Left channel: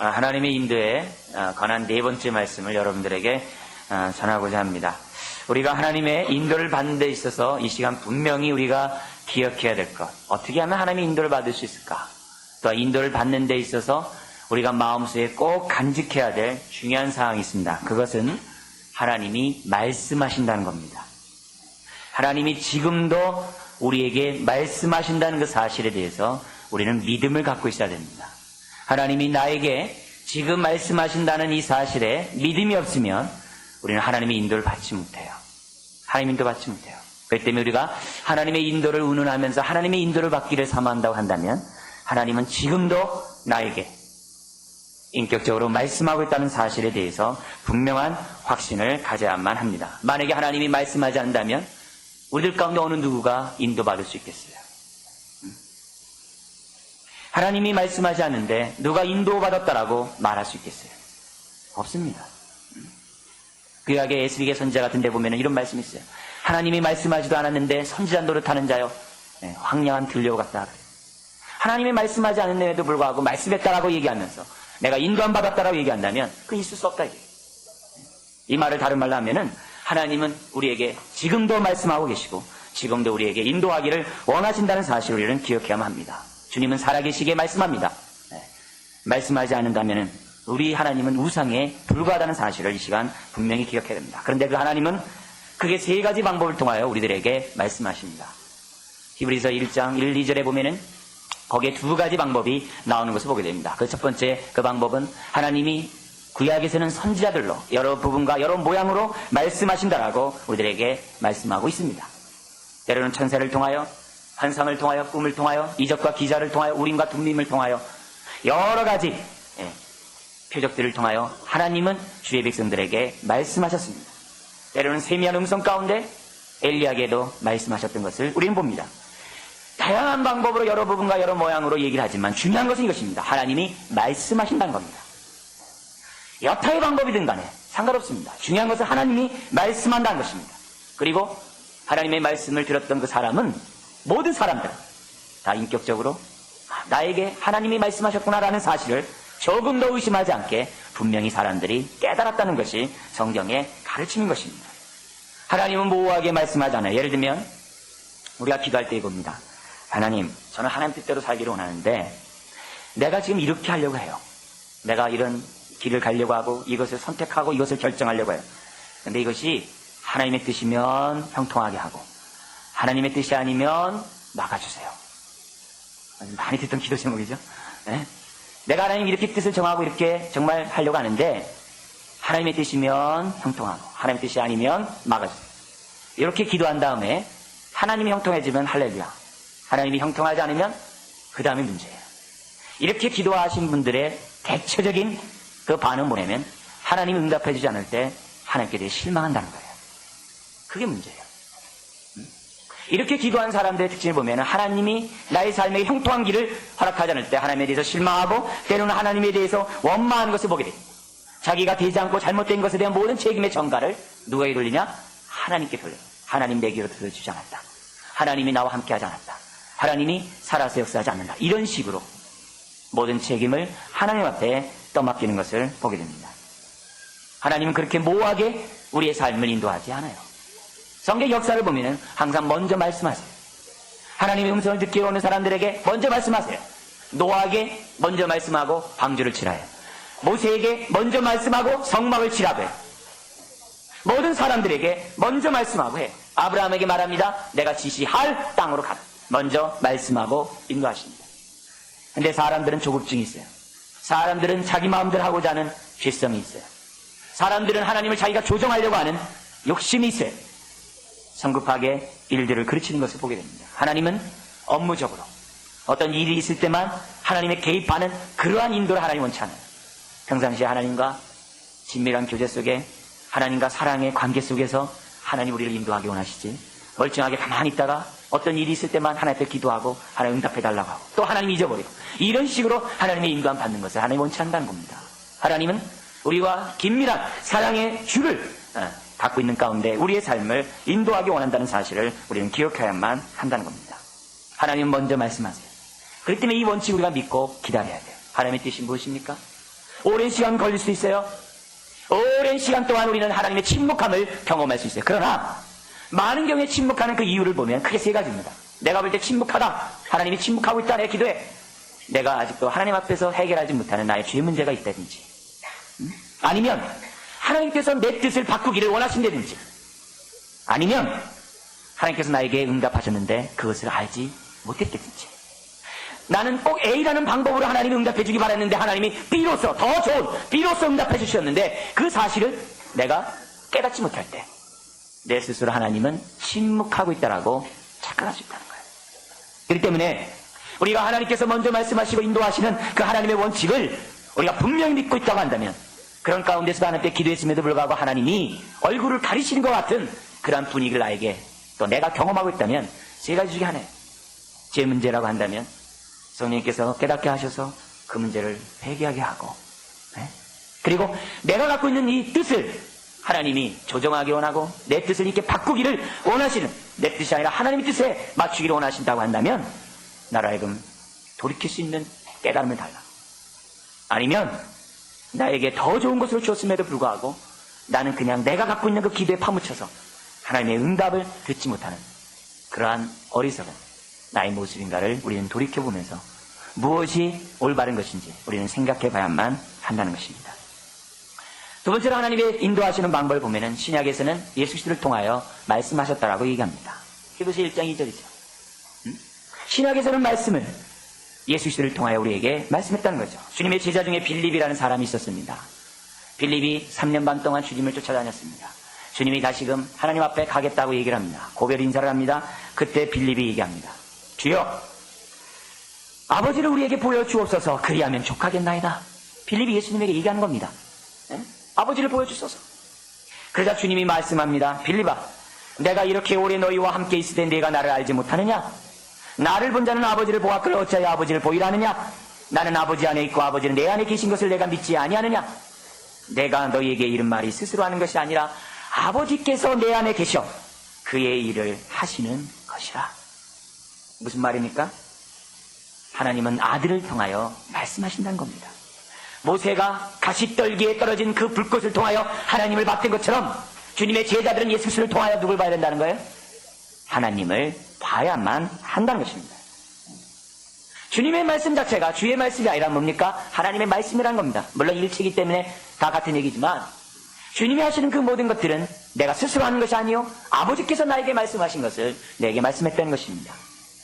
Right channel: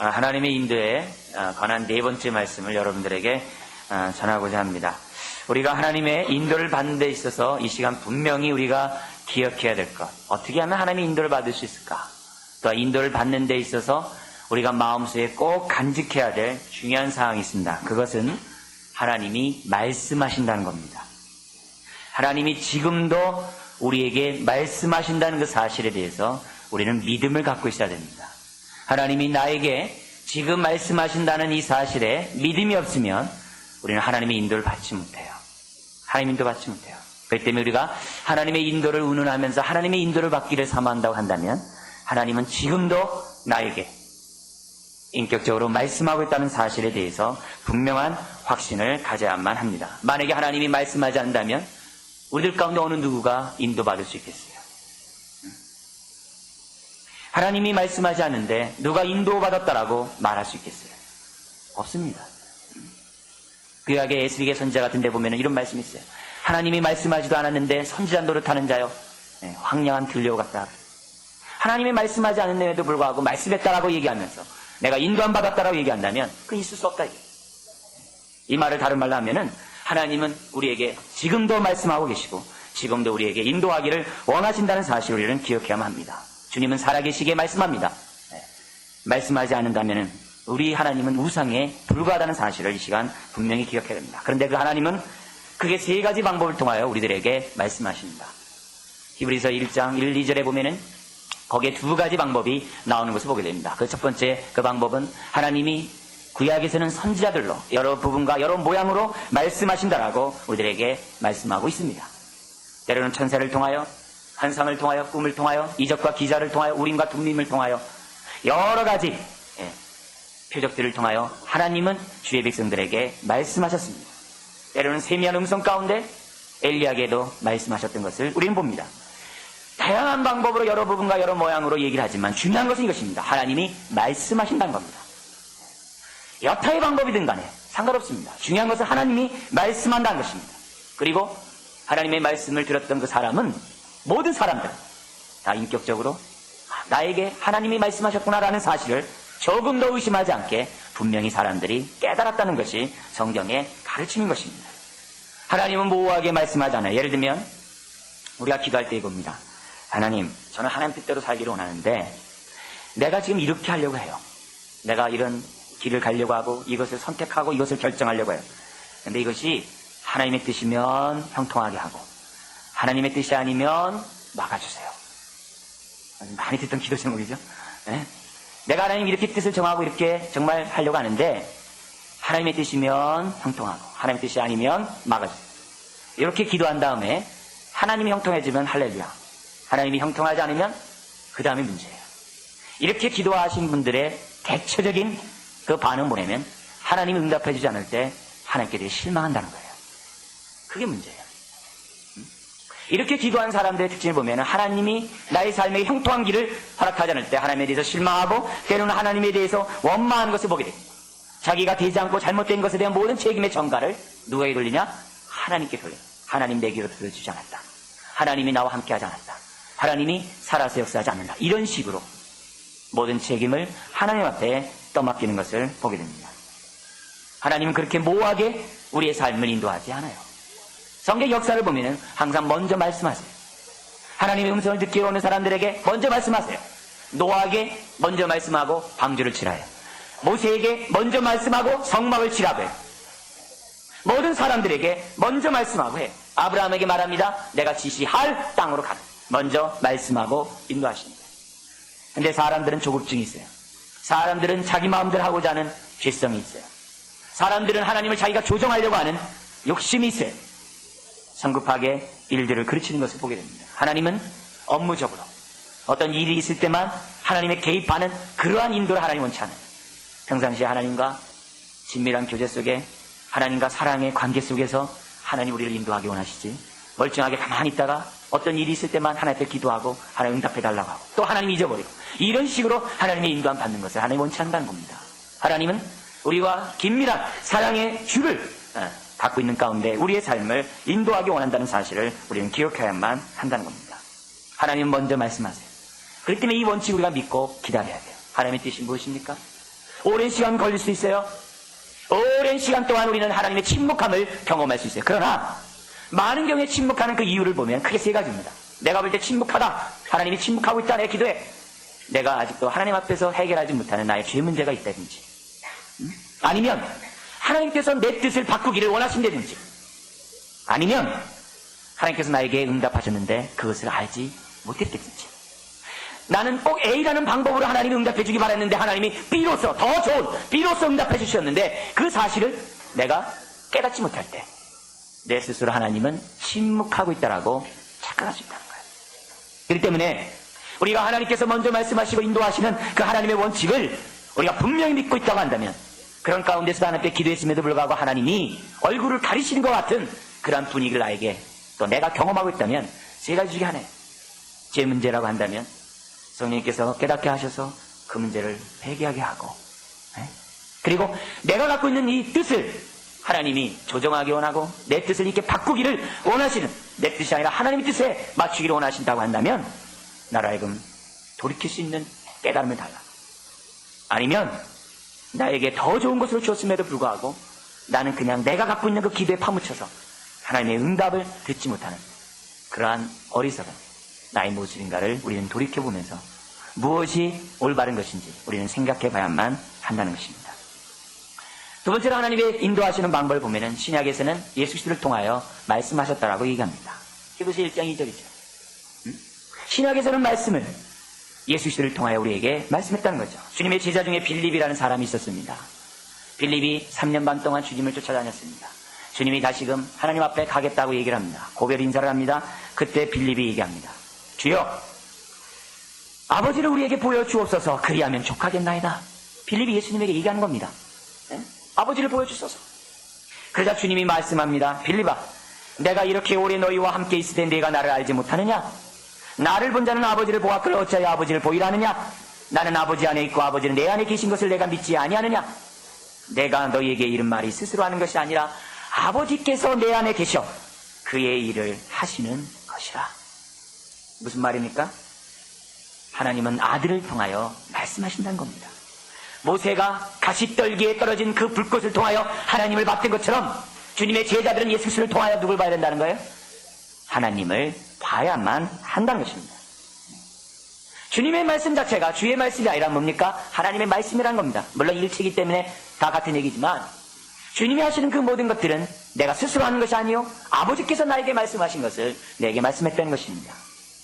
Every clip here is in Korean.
하나님의 인도에 관한 네 번째 말씀을 여러분들에게 전하고자 합니다. 우리가 하나님의 인도를 받는 데 있어서 이 시간 분명히 우리가 기억해야 될 것, 어떻게 하면 하나님의 인도를 받을 수 있을까? 또 인도를 받는 데 있어서 우리가 마음속에 꼭 간직해야 될 중요한 사항이 있습니다. 그것은 하나님이 말씀하신다는 겁니다. 하나님이 지금도 우리에게 말씀하신다는 그 사실에 대해서 우리는 믿음을 갖고 있어야 됩니다. 하나님이 나에게 지금 말씀하신다는 이 사실에 믿음이 없으면 우리는 하나님의 인도를 받지 못해요. 하나님의 인도 받지 못해요. 그렇기 때문에 우리가 하나님의 인도를 운운하면서 하나님의 인도를 받기를 사모한다고 한다면 하나님은 지금도 나에게 인격적으로 말씀하고 있다는 사실에 대해서 분명한 확신을 가져야만 합니다. 만약에 하나님이 말씀하지 않는다면 우리들 가운데 어느 누구가 인도받을 수 있겠어요? 하나님이 말씀하지 않는데 누가 인도받았다라고 말할 수 있겠어요? 없습니다. 구약의 에스겔 선지자 같은 데 보면 이런 말씀이 있어요. 하나님이 말씀하지도 않았는데 선지자 노릇하는 자요, 황량한 들려오 같다. 하나님이 말씀하지 않는데도 불구하고 말씀했다라고 얘기하면서 내가 인도함 받았다라고 얘기한다면 그 있을 수 없다. 이 말을 다른 말로 하면은 하나님은 우리에게 지금도 말씀하고 계시고 지금도 우리에게 인도하기를 원하신다는 사실을 우리는 기억해야만 합니다. 주님은 살아계시기에 말씀합니다. 말씀하지 않는다면 우리 하나님은 우상에 불과하다는 사실을 이 시간 분명히 기억해야 됩니다. 그런데 그 하나님은 크게 세 가지 방법을 통하여 우리들에게 말씀하십니다. 히브리서 1장 1, 2절에 보면은 거기에 두 가지 방법이 나오는 것을 보게 됩니다. 그 첫 번째 그 방법은 하나님이 구약에서는 선지자들로 여러 부분과 여러 모양으로 말씀하신다라고 우리들에게 말씀하고 있습니다. 때로는 천사를 통하여, 환상을 통하여, 꿈을 통하여, 이적과 기사를 통하여, 우림과 둠림을 통하여 여러 가지 표적들을 통하여 하나님은 주의 백성들에게 말씀하셨습니다. 때로는 세미한 음성 가운데 엘리야에게도 말씀하셨던 것을 우리는 봅니다. 다양한 방법으로 여러 부분과 여러 모양으로 얘기를 하지만 중요한 것은 이것입니다. 하나님이 말씀하신다는 겁니다. 여타의 방법이든 간에 상관없습니다. 중요한 것은 하나님이 말씀한다는 것입니다. 그리고 하나님의 말씀을 들었던 그 사람은 모든 사람들 다 인격적으로 나에게 하나님이 말씀하셨구나라는 사실을 조금 더 의심하지 않게 분명히 사람들이 깨달았다는 것이 성경의 가르침인 것입니다. 하나님은 모호하게 말씀하잖아요. 예를 들면 우리가 기도할 때 이겁니다. 하나님, 저는 하나님 뜻대로 살기를 원하는데 내가 지금 이렇게 하려고 해요. 내가 이런 길을 가려고 하고 이것을 선택하고 이것을 결정하려고 해요. 그런데 이것이 하나님의 뜻이면 형통하게 하고 하나님의 뜻이 아니면 나가주세요. 많이 듣던 기도 제목이죠. 네? 내가 하나님 이렇게 뜻을 정하고 이렇게 정말 하려고 하는데 하나님의 뜻이면 형통하고 하나님의 뜻이 아니면 막아주세요. 이렇게 기도한 다음에 하나님이 형통해지면 할렐루야. 하나님이 형통하지 않으면 그 다음에 문제예요. 이렇게 기도하신 분들의 대체적인 그 반응 뭐냐면 하나님이 응답해주지 않을 때 하나님께 대해 실망한다는 거예요. 그게 문제예요. 이렇게 기도한 사람들의 특징을 보면 하나님이 나의 삶에 형통한 길을 허락하지 않을 때 하나님에 대해서 실망하고 때로는 하나님에 대해서 원망하는 것을 보게 됩니다. 자기가 되지 않고 잘못된 것에 대한 모든 책임의 전가를 누구에게 돌리냐? 하나님께 돌려요. 하나님 내 길을 들어주지 않았다. 하나님이 나와 함께하지 않았다. 하나님이 살아서 역사하지 않는다. 이런 식으로 모든 책임을 하나님 앞에 떠맡기는 것을 보게 됩니다. 하나님은 그렇게 모호하게 우리의 삶을 인도하지 않아요. 성경 역사를 보면 항상 먼저 말씀하세요. 하나님의 음성을 듣기로 오는 사람들에게 먼저 말씀하세요. 노아에게 먼저 말씀하고 방주를 치라 해요. 모세에게 먼저 말씀하고 성막을 치라고 해요. 모든 사람들에게 먼저 말씀하고 해요. 아브라함에게 말합니다. 내가 지시할 땅으로 가라. 먼저 말씀하고 인도하십니다. 근데 사람들은 조급증이 있어요. 사람들은 자기 마음대로 하고자 하는 죄성이 있어요. 사람들은 하나님을 자기가 조정하려고 하는 욕심이 있어요. 성급하게 일들을 그르치는 것을 보게 됩니다. 하나님은 업무적으로 어떤 일이 있을 때만 하나님의 개입하는 그러한 인도를 하나님 원치 않아요. 평상시에 하나님과 친밀한 교제 속에 하나님과 사랑의 관계 속에서 하나님 우리를 인도하기 원하시지, 멀쩡하게 가만히 있다가 어떤 일이 있을 때만 하나님께 기도하고 하나님 응답해달라고 하고 또 하나님 잊어버리고 이런 식으로 하나님의 인도함 받는 것을 하나님 원치 않는다는 겁니다. 하나님은 우리와 긴밀한 사랑의 줄을 갖고 있는 가운데 우리의 삶을 인도하기 원한다는 사실을 우리는 기억해야만 한다는 겁니다. 하나님 먼저 말씀하세요. 그렇기 때문에 이 원칙 우리가 믿고 기다려야 돼요. 하나님의 뜻이 무엇입니까? 오랜 시간 걸릴 수 있어요. 오랜 시간 동안 우리는 하나님의 침묵함을 경험할 수 있어요. 그러나 많은 경우에 침묵하는 그 이유를 보면 크게 세 가지입니다. 내가 볼 때 침묵하다. 하나님이 침묵하고 있다. 내 기도에 내가 아직도 하나님 앞에서 해결하지 못하는 나의 죄 문제가 있다든지, 아니면 하나님께서 내 뜻을 바꾸기를 원하신다든지, 아니면 하나님께서 나에게 응답하셨는데 그것을 알지 못했다든지, 나는 꼭 A라는 방법으로 하나님이 응답해 주기 바랐는데 하나님이 B로서 더 좋은 B로서 응답해 주셨는데 그 사실을 내가 깨닫지 못할 때 내 스스로 하나님은 침묵하고 있다라고 착각할 수 있다는 거예요. 그렇기 때문에 우리가 하나님께서 먼저 말씀하시고 인도하시는 그 하나님의 원칙을 우리가 분명히 믿고 있다고 한다면, 그런 가운데서 하나님께 기도했음에도 불구하고 하나님이 얼굴을 가리시는 것 같은 그런 분위기를 나에게 또 내가 경험하고 있다면 세 가지 중에 하나예요. 제 문제라고 한다면 성령님께서 깨닫게 하셔서 그 문제를 회개하게 하고, 그리고 내가 갖고 있는 이 뜻을 하나님이 조정하기 원하고 내 뜻을 이렇게 바꾸기를 원하시는, 내 뜻이 아니라 하나님의 뜻에 맞추기를 원하신다고 한다면 나로 하여금 돌이킬 수 있는 깨달음을 달라. 아니면 나에게 더 좋은 것을 주었음에도 불구하고 나는 그냥 내가 갖고 있는 그 기도에 파묻혀서 하나님의 응답을 듣지 못하는 그러한 어리석은 나의 모습인가를 우리는 돌이켜보면서 무엇이 올바른 것인지 우리는 생각해봐야만 한다는 것입니다. 두 번째로 하나님의 인도하시는 방법을 보면은 신약에서는 예수 그리스도를 통하여 말씀하셨다라고 얘기합니다. 히브리서 1장 2절이죠. 신약에서는 말씀을 예수 그리스도를 통하여 우리에게 말씀했다는 거죠. 주님의 제자 중에 빌립이라는 사람이 있었습니다. 빌립이 3년 반 동안 주님을 쫓아다녔습니다. 주님이 다시금 하나님 앞에 가겠다고 얘기를 합니다. 고별 인사를 합니다. 그때 빌립이 얘기합니다. 주여, 아버지를 우리에게 보여주옵소서. 그리하면 족하겠나이다. 빌립이 예수님에게 얘기하는 겁니다. 아버지를 보여주소서. 그러자 주님이 말씀합니다. 빌립아, 내가 이렇게 오래 너희와 함께 있을 때 내가 나를 알지 못하느냐? 나를 본 자는 아버지를 보았거늘 어찌하여 아버지를 보이라 하느냐? 나는 아버지 안에 있고 아버지는 내 안에 계신 것을 내가 믿지 아니하느냐? 내가 너희에게 이른 말이 스스로 하는 것이 아니라 아버지께서 내 안에 계셔 그의 일을 하시는 것이라. 무슨 말입니까? 하나님은 아들을 통하여 말씀하신다는 겁니다. 모세가 가시떨기에 떨어진 그 불꽃을 통하여 하나님을 봤던 것처럼 주님의 제자들은 예수 그리스도를 통하여 누굴 봐야 된다는 거예요? 하나님을 봐야만 한다는 것입니다. 주님의 말씀 자체가 주의 말씀이 아니라 뭡니까? 하나님의 말씀이라는 겁니다. 물론 일체이기 때문에 다 같은 얘기지만 주님이 하시는 그 모든 것들은 내가 스스로 하는 것이 아니요 아버지께서 나에게 말씀하신 것을 내게 말씀했다는 것입니다.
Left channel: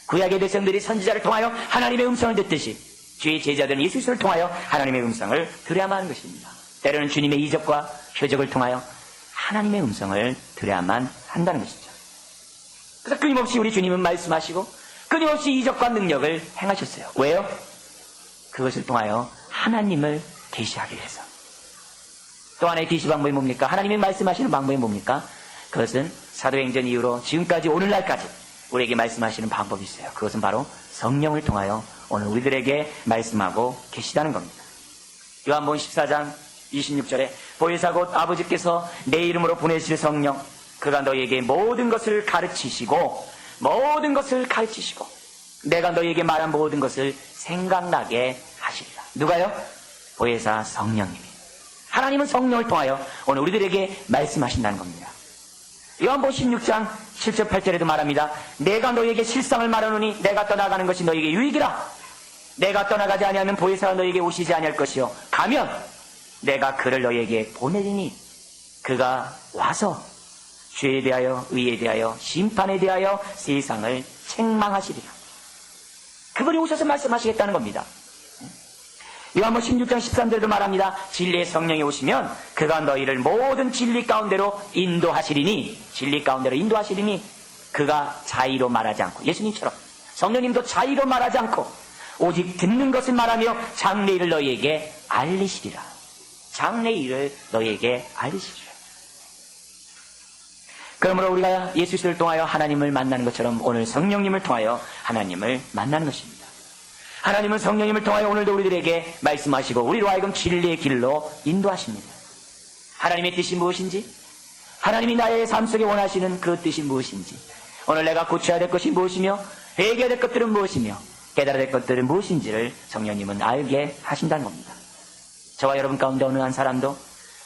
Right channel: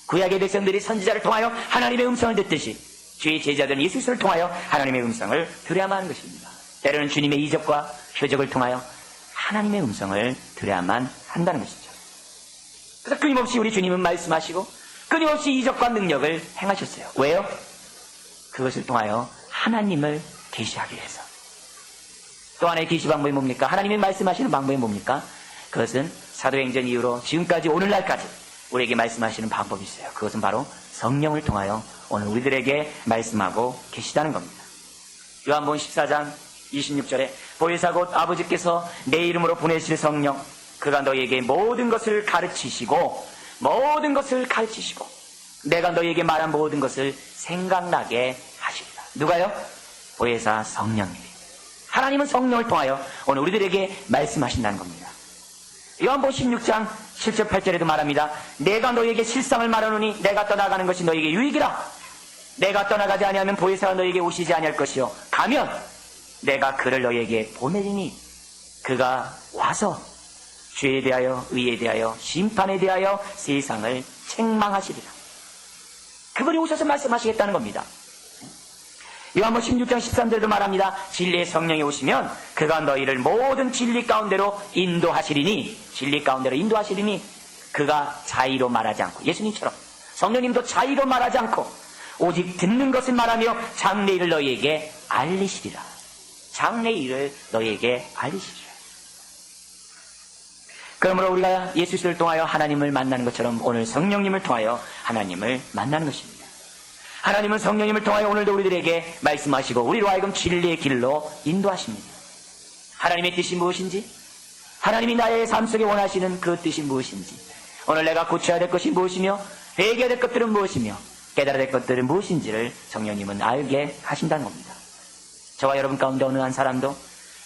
구약의 백성들이 선지자를 통하여 하나님의 음성을 듣듯이 주의 제자들은 예수 그리스도를 통하여 하나님의 음성을 들어야만 하는 것입니다. 때로는 주님의 이적과 표적을 통하여 하나님의 음성을 들어야만 한다는 것이죠. 그래서 끊임없이 우리 주님은 말씀하시고 끊임없이 이적과 능력을 행하셨어요. 왜요? 그것을 통하여 하나님을 계시하기 위해서. 또 하나의 계시 방법이 뭡니까? 하나님이 말씀하시는 방법이 뭡니까? 그것은 사도행전 이후로 지금까지 오늘날까지 우리에게 말씀하시는 방법이 있어요. 그것은 바로 성령을 통하여 오늘 우리들에게 말씀하고 계시다는 겁니다. 요한복음 14장 26절에 보혜사 곧 아버지께서 내 이름으로 보내실 성령 그가 너희에게 모든 것을 가르치시고 내가 너희에게 말한 모든 것을 생각나게 하시리라. 누가요? 보혜사 성령님이. 하나님은 성령을 통하여 오늘 우리들에게 말씀하신다는 겁니다. 요한복음 16장 7절 8절에도 말합니다. 내가 너희에게 실상을 말하노니 내가 떠나가는 것이 너희에게 유익이라. 내가 떠나가지 아니하면 보혜사가 너희에게 오시지 아니할 것이요 가면 내가 그를 너희에게 보내리니 그가 와서 죄에 대하여 의에 대하여 심판에 대하여 세상을 책망하시리라. 그분이 오셔서 말씀하시겠다는 겁니다. 요한복음 16장 13절도 말합니다. 진리의 성령이 오시면 그가 너희를 모든 진리 가운데로 인도하시리니 그가 자의로 말하지 않고 예수님처럼 성령님도 자의로 말하지 않고 오직 듣는 것을 말하며 장래일을 너희에게 알리시리라. 그러므로 우리가 예수 그리스도를 통하여 하나님을 만나는 것처럼 오늘 성령님을 통하여 하나님을 만나는 것입니다. 하나님은 성령님을 통하여 오늘도 우리들에게 말씀하시고 우리로 하여금 진리의 길로 인도하십니다. 하나님의 뜻이 무엇인지, 하나님이 나의 삶 속에 원하시는 그 뜻이 무엇인지, 오늘 내가 고쳐야 될 것이 무엇이며 회개해야 될 것들은 무엇이며 깨달아야 될 것들은 무엇인지를 성령님은 알게 하신다는 겁니다. 저와 여러분 가운데 어느 한 사람도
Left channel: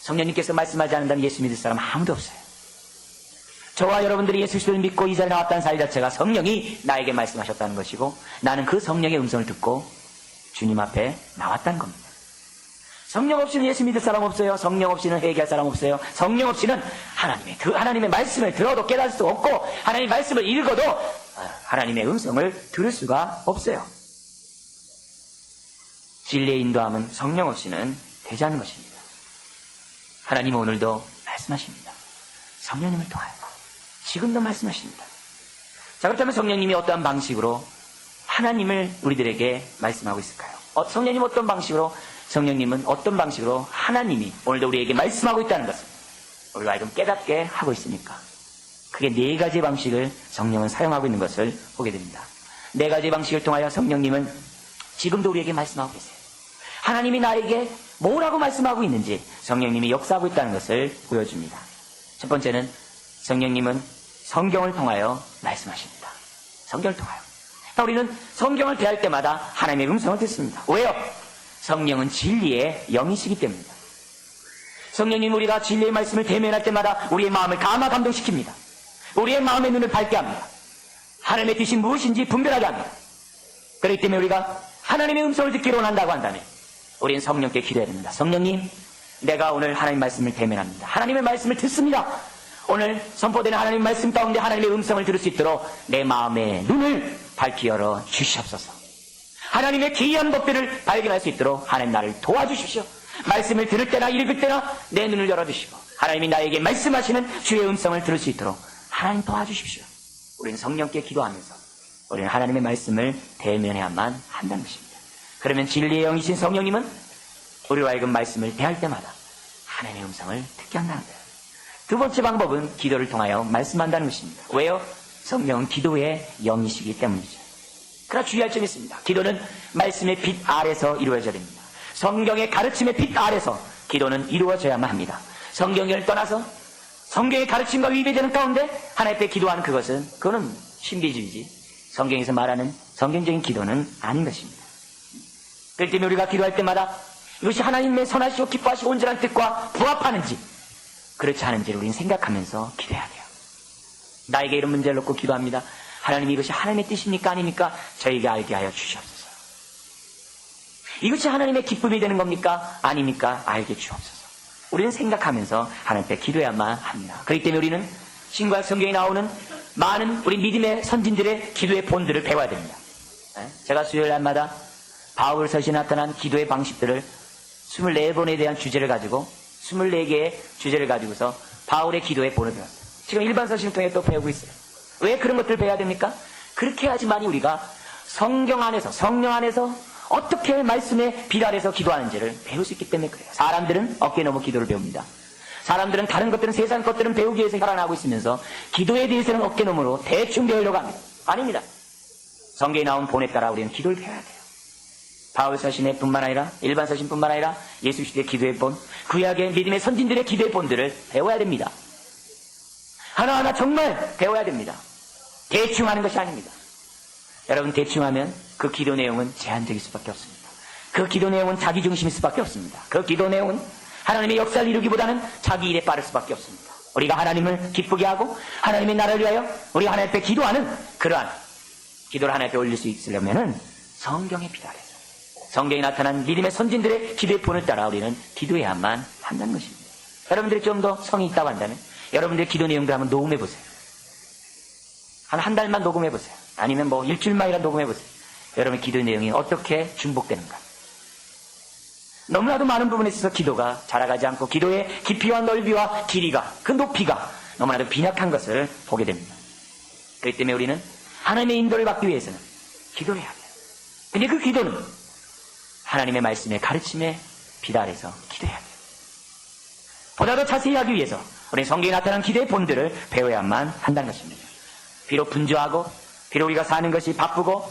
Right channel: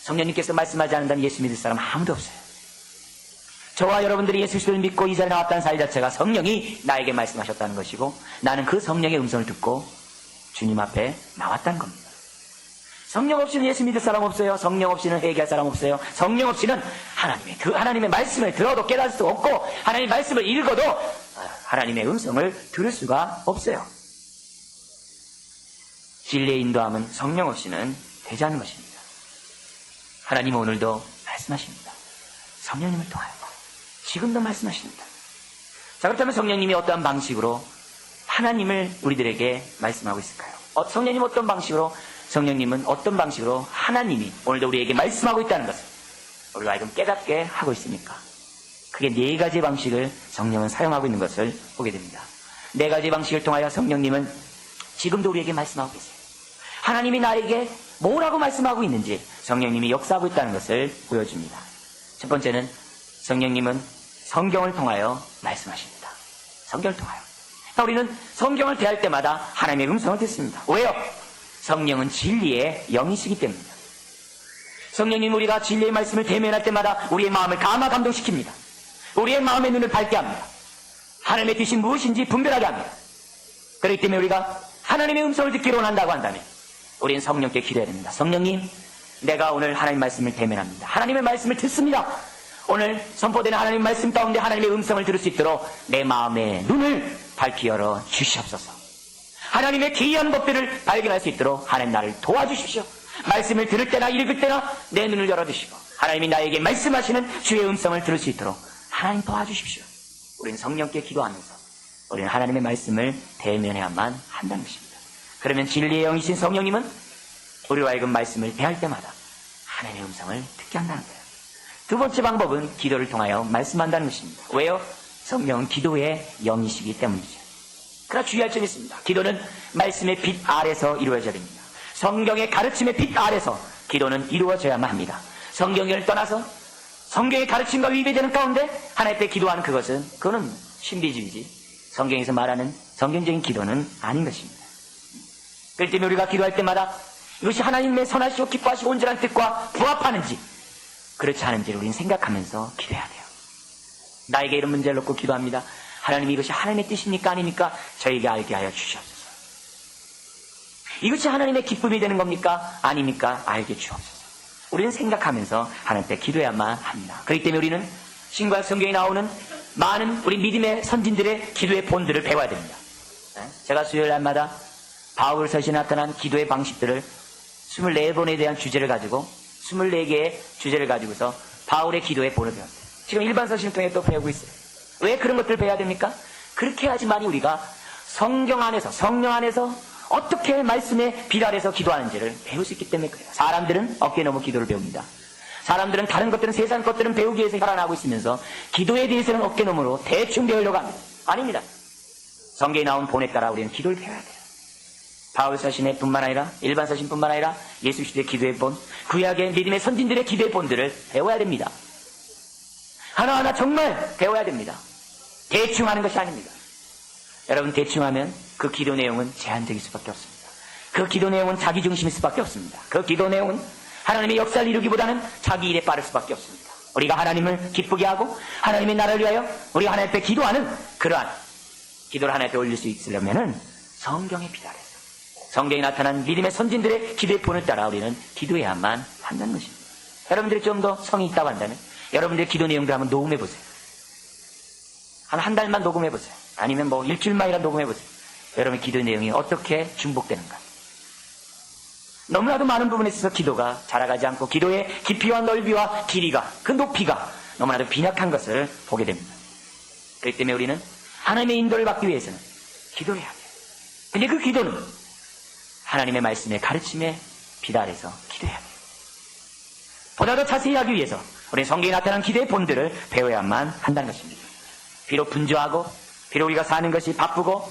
성령님께서 말씀하지 않는다는 예수 믿을 사람 아무도 없어요. 저와 여러분들이 예수 그리스도를 믿고 이 자리에 나왔다는 사실 자체가 성령이 나에게 말씀하셨다는 것이고 나는 그 성령의 음성을 듣고 주님 앞에 나왔다는 겁니다. 성령 없이는 예수 믿을 사람 없어요. 성령 없이는 회개할 사람 없어요. 성령 없이는 하나님의 말씀을 들어도 깨달을 수 없고 하나님의 말씀을 읽어도 하나님의 음성을 들을 수가 없어요. 진리의 인도함은 성령 없이는 되지 않는 것입니다. 하나님은 오늘도 말씀하십니다. 성령님을 통하여 지금도 말씀하십니다. 자, 그렇다면 성령님이 어떠한 방식으로 하나님을 우리들에게 말씀하고 있을까요? 성령님 어떤 방식으로, 성령님은 어떤 방식으로 하나님이 오늘도 우리에게 말씀하고 있다는 것을 우리가 알고 깨닫게 하고 있으니까 크게 네 가지 방식을 성령은 사용하고 있는 것을 보게 됩니다. 네 가지 방식을 통하여 성령님은 지금도 우리에게 말씀하고 계세요. 하나님이 나에게 뭐라고 말씀하고 있는지 성령님이 역사하고 있다는 것을 보여줍니다. 첫 번째는 성령님은 성경을 통하여 말씀하십니다. 성경을 통하여. 우리는 성경을 대할 때마다 하나님의 음성을 듣습니다. 왜요? 성령은 진리의 영이시기 때문입니다. 성령님 우리가 진리의 말씀을 대면할 때마다 우리의 마음을 감화 감동시킵니다. 우리의 마음의 눈을 밝게 합니다. 하나님의 뜻이 무엇인지 분별하게 합니다. 그렇기 때문에 우리가 하나님의 음성을 듣기로 원한다고 한다면 우리는 성령께 기도해야 됩니다. 성령님, 내가 오늘 하나님 말씀을 대면합니다. 하나님의 말씀을 듣습니다. 오늘 선포되는 하나님의 말씀 가운데 하나님의 음성을 들을 수 있도록 내 마음의 눈을 밝히 열어 주시옵소서. 하나님의 기이한 법들을 발견할 수 있도록 하나님 나를 도와주십시오. 말씀을 들을 때나 읽을 때나 내 눈을 열어주시고 하나님이 나에게 말씀하시는 주의 음성을 들을 수 있도록 하나님 도와주십시오. 우리는 성령께 기도하면서 우리는 하나님의 말씀을 대면해야만 한다는 것입니다. 그러면 진리의 영이신 성령님은 우리로 하여금 말씀을 대할 때마다 하나님의 음성을 듣게 한다는 거예요. 두 번째 방법은 기도를 통하여 말씀한다는 것입니다. 왜요? 성령은 기도의 영이시기 때문이죠. 그러나 주의할 점이 있습니다. 기도는 말씀의 빛 아래서 이루어져야 됩니다. 성경의 가르침의 빛 아래서 기도는 이루어져야만 합니다. 성경을 떠나서 성경의 가르침과 위배되는 가운데 하나님 앞에 기도하는 그거는 신비주의지. 성경에서 말하는 성경적인 기도는 아닌 것입니다. 그렇기 때문에 우리가 기도할 때마다 이것이 하나님의 선하시고 기뻐하시고 온전한 뜻과 부합하는지 그렇지 않은지를 우리는 생각하면서 기도해야 돼요. 나에게 이런 문제를 놓고 기도합니다. 하나님이 이것이 하나님의 뜻입니까 아닙니까? 저에게 알게 하여 주시옵소서. 이것이 하나님의 기쁨이 되는 겁니까? 아닙니까? 알게 주옵소서. 우리는 생각하면서 하나님 앞에 기도해야만 합니다. 그렇기 때문에 우리는 신과 성경에 나오는 많은 우리 믿음의 선진들의 기도의 본들을 배워야 됩니다. 제가 수요일 날마다 바울 서신에 나타난 기도의 방식들을 24번에 대한 주제를 가지고 24개의 주제를 가지고서 바울의 기도의 본을 배웠어요. 지금 일반 서신을 통해 또 배우고 있어요. 왜 그런 것들을 배워야 됩니까? 그렇게 해야지만이 우리가 성경 안에서 성령 안에서 어떻게 말씀의 빛 아래서 기도하는지를 배울 수 있기 때문에 그래요. 사람들은 어깨 너머 기도를 배웁니다. 사람들은 다른 것들은 세상 것들은 배우기 위해서 살아나고 있으면서 기도에 대해서는 어깨 너머로 대충 배우려고 합니다. 아닙니다. 성경에 나온 본에 따라 우리는 기도를 배워야 돼요. 바울 서신의 뿐만 아니라 일반 서신뿐만 아니라 예수 시대의 기도의 본, 구약의 믿음의 선진들의 기도의 본들을 배워야 됩니다. 하나하나 정말 배워야 됩니다. 대충 하는 것이 아닙니다. 여러분 대충 하면 그 기도 내용은 제한적일 수밖에 없습니다. 그 기도 내용은 자기 중심일 수밖에 없습니다. 그 기도 내용은 하나님의 역사를 이루기보다는 자기 일에 빠를 수밖에 없습니다. 우리가 하나님을 기쁘게 하고 하나님의 나라를 위하여 우리 하나님 앞에 기도하는 그러한 기도를 하나님 앞에 올릴 수 있으려면은 성경의 빛 아래서 성경에 나타난 믿음의 선진들의 기도의 본을 따라 우리는 기도해야만 한다는 것입니다. 여러분들이 좀 더 성이 있다고 한다면 여러분들의 기도 내용들 한번 녹음해 보세요. 한 달만 녹음해 보세요. 아니면 뭐 일주일만이라도 녹음해 보세요. 여러분의 기도 내용이 어떻게 중복되는가. 너무나도 많은 부분에 있어서 기도가 자라가지 않고 기도의 깊이와 넓이와 길이가 그 높이가 너무나도 빈약한 것을 보게 됩니다. 그렇기 때문에 우리는 하나님의 인도를 받기 위해서는 기도해야 돼요. 근데 그 기도는 하나님의 말씀의 가르침에 빛 아래서 기도해야 돼요. 보다 더 자세히 하기 위해서 우리는 성경에 나타난 기도의 본들을 배워야만 한다는 것입니다. 비록 분주하고 비록 우리가 사는 것이 바쁘고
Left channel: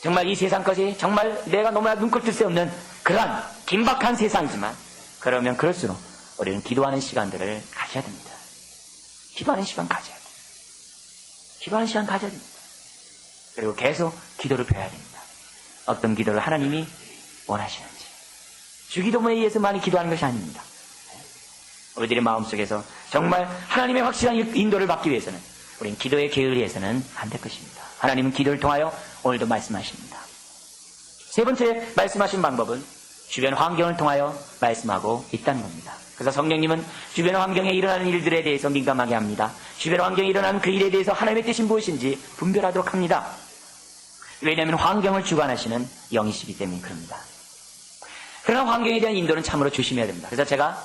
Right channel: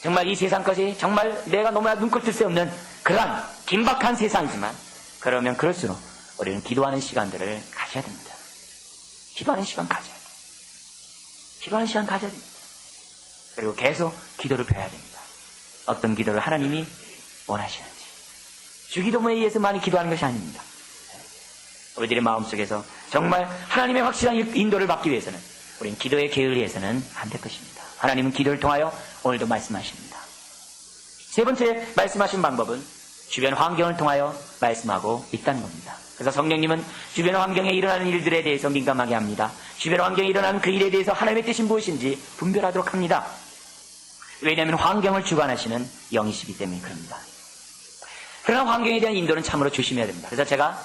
정말 이 세상 것이 정말 내가 너무나 눈꼴 뜰 새 없는 그런 긴박한 세상이지만 그러면 그럴수록 우리는 기도하는 시간들을 가져야 됩니다. 기도하는 시간 가져야 돼요. 기도하는 시간 가져야 됩니다. 그리고 계속 기도를 배워야 됩니다. 어떤 기도를 하나님이 원하시는지 주기도문에 의해서 많이 기도하는 것이 아닙니다. 우리들의 마음속에서 정말 하나님의 확실한 인도를 받기 위해서는 우리는 기도에 게을리해서는 안 될 것입니다. 하나님은 기도를 통하여 오늘도 말씀하십니다. 세 번째 말씀하신 방법은 주변 환경을 통하여 말씀하고 있다는 겁니다. 그래서 성령님은 주변 환경에 일어나는 일들에 대해서 민감하게 합니다. 주변 환경에 일어나는 그 일에 대해서 하나님의 뜻이 무엇인지 분별하도록 합니다. 왜냐하면 환경을 주관하시는 영이시기 때문에 그럽니다. 그러나 환경에 대한 인도는 참으로 조심해야 됩니다. 그래서 제가